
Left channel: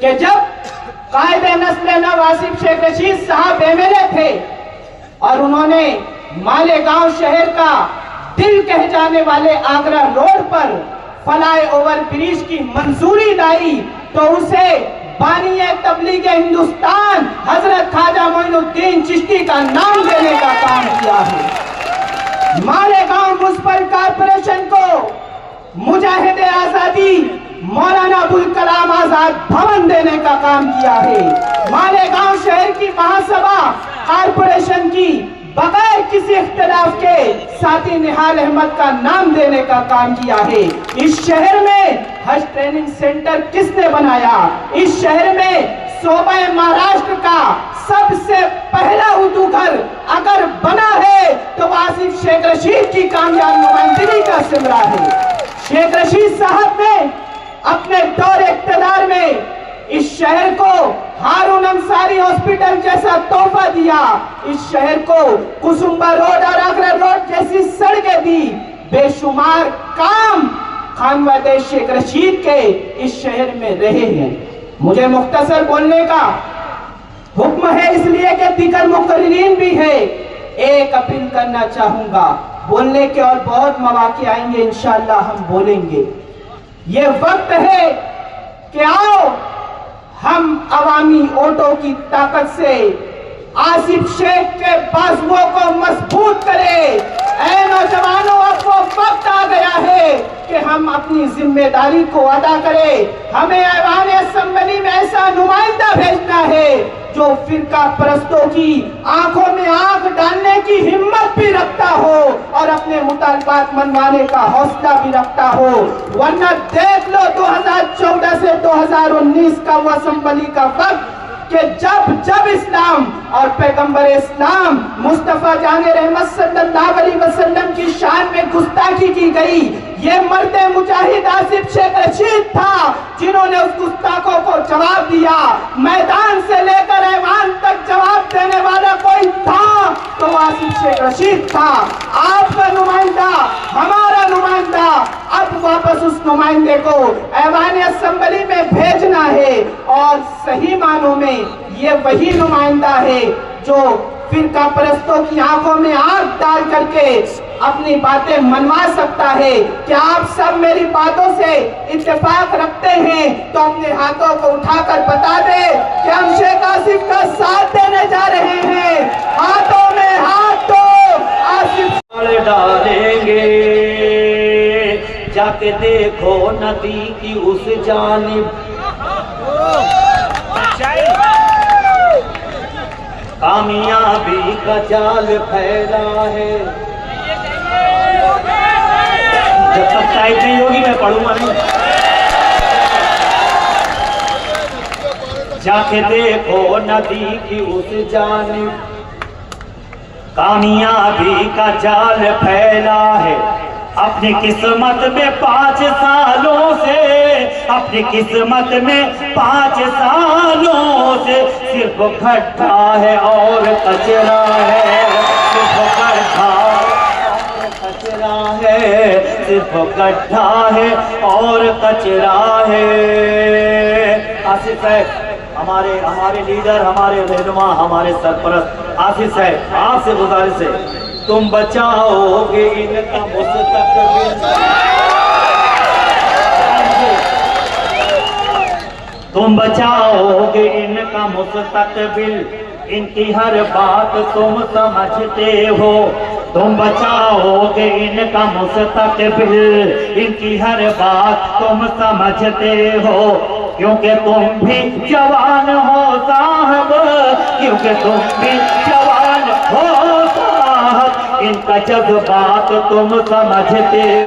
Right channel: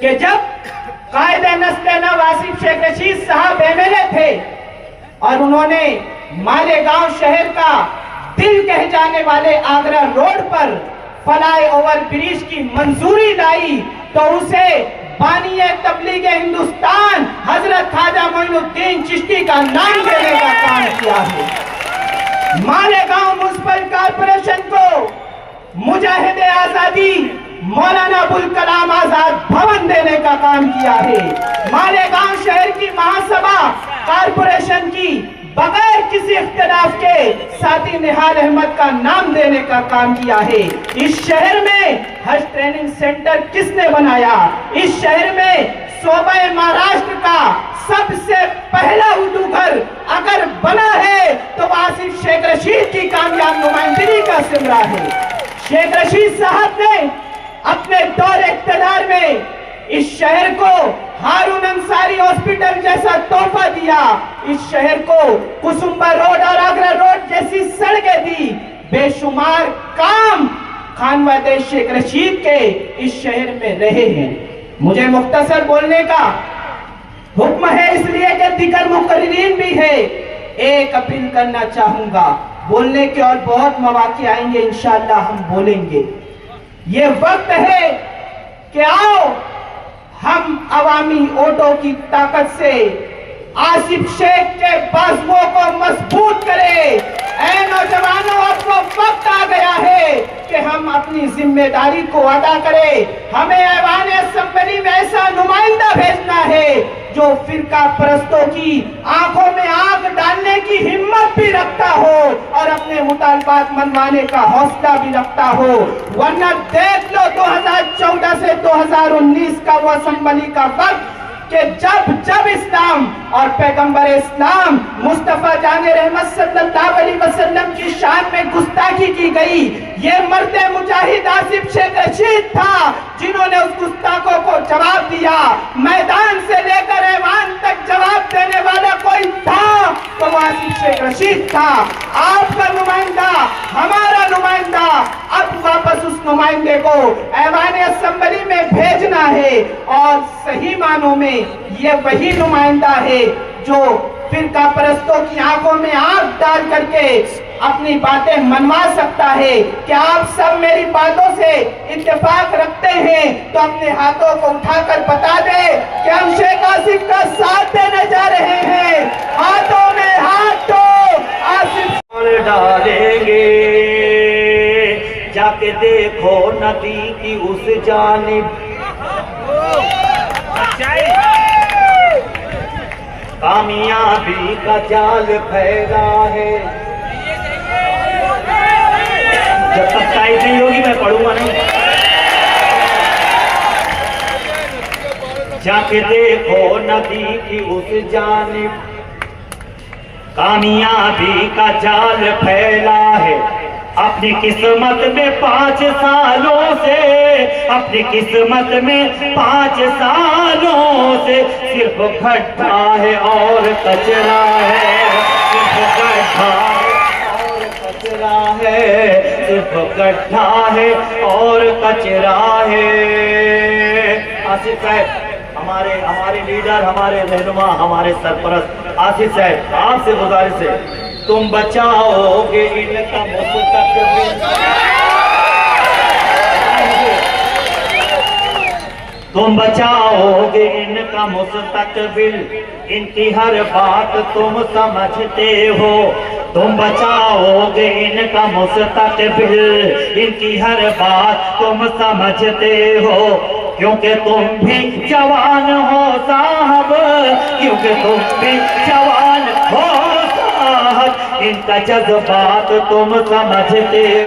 कि जब कायदे नस्ल नव आसिफ शेख रशीद साहब एमएलए थे और उन्होंने मालेगांव शहर का दिल कह जाने वाले आगरा रोड पर फ्लाई ओवर ब्रिज की मंजूरी लाई, तो उसे बानी तबलीग हिंदुस्तान हजरत ख्वाजा मोइनुद्दीन चिश्ती का नाम देने का काम किया है। मालेगांव म्युनिसिपल कॉर्पोरेशन को मुजाहिद आजादी मौलाना अबुल कलाम आजाद भवन देने का काम किया है। मालेगांव शहर की महासभा कॉर्पोरेशन की बगैर किसी इख्तिलाफ के साथी निहाल अहमद का नाम देने का काम किया है। इस शहर में हज ट्रेनिंग सेंटर किसने बनाया? इस शहर में सूबे महाराष्ट्र का सबसे पहला उर्दू घर अगर बना है तो आसिफ शेख रशीद की कामयाब नुमाइंदगी का सिमरा है। शेख रशीद साहब ने अपने दौर इख्तियार में इस शहर को हारून अंसारी हॉस्पिटल जैसा तोहफा दिया, इस शहर को कुसुम्बा रोड और आगरा रोड जैसी सड़कें दी। बेशुमार काम खानवादे शेख रशीद के इस शहर में रहे हैं। मुझे मुख्तसर बोलने का हुक्म है, इसलिए कि दिगर मुकर्रिरीन भी है। एक अपील करना चाहूंगा, बोलने के और बहुत मौके आएंगे, इंशाअल्लाह हम बोलेंगे। ये वक्त है कि आओ हम अवामी वोटों की ताकत से आसिफ शेख के बाजुओं को मजबूत करें। ऐ नौजवानों, अब वो वक्त आ गया है कि हम अपनी जिम्मेदारी को अदा करें। हमें ऐवान असेंबली में ऐसा नुमाइंदा भेजना है जो फिरका परस्तों की आंखों में आग डालने की हिम्मत भी रखता हो और अपने मुतालबात मनवाने का हौसला भी रखता हो। वरना देख लो 2014 से 2019 का वो असेंबली का वक्त कि जब इस्लाम और पैगंबर इस्लाम मुस्तफा जाने रहमत सल्लल्लाहु अलैहि वसल्लम की शान में गुस्ताखी की गई, ये मर्द मुजाहिद आसिफ शेख रशीद था जिन्होंने उस गुस्ताखों को जवाब दिया। मैदान से लेकर ऐवान तक जवाब देने वाला कोई था तो आसिफ शेख रशीद था। आपका नुमाइंदा, हमारा नुमाइंदा, अब वापस उस नुमाइंदे को ऐवान असेंबली में भेजना है और सही मानों में ये वही नुमाइंदा है जो फिरका परस्तों की आंखों में आग डाल करके अपनी बातें मनवा सकता है। क्या आप सब मेरी बातों से इत्तेफाक रखते हैं तो अपने हाथों को उठाकर बता दे कि हम शेख आसिफ का साथ देने जा रहे हैं। हाथों में हाथ दो, आसिफ डालेंगे। जाके देखो नदी की उस जानिब कामयाबी का जाल फैला है। जब तक टाइप नहीं होगी मैं पढ़ूंगा नहीं। जाके देखो नदी की उस जानिब, कामयाबी का जाल फैला है। अपनी किस्मत में 5 सालों से, अपनी किस्मत में 5 सालों से सिर्फ गड्ढा है और कचरा है, सिर्फ गड्ढा और कचरा है, सिर्फ गड्ढा है और कचरा है। आसिफ साहब, हमारे लीडर, हमारे रहनुमा, हमारे सरपरस्त आसिफ साहब, आपसे गुजारिश है, तुम बचाओगे इनका मुस्तकबिल, तुम बचाओगे इनका मुस्तकबिल, इनकी हर बात तुम समझते हो, तुम बचाओगे इनका मुस्तकबिल, इनकी हर बात तुम समझते हो, क्योंकि तुम भी जवान हो साहब, क्योंकि तुम भी जवान हो साहब, इनका जज्बात तुम समझते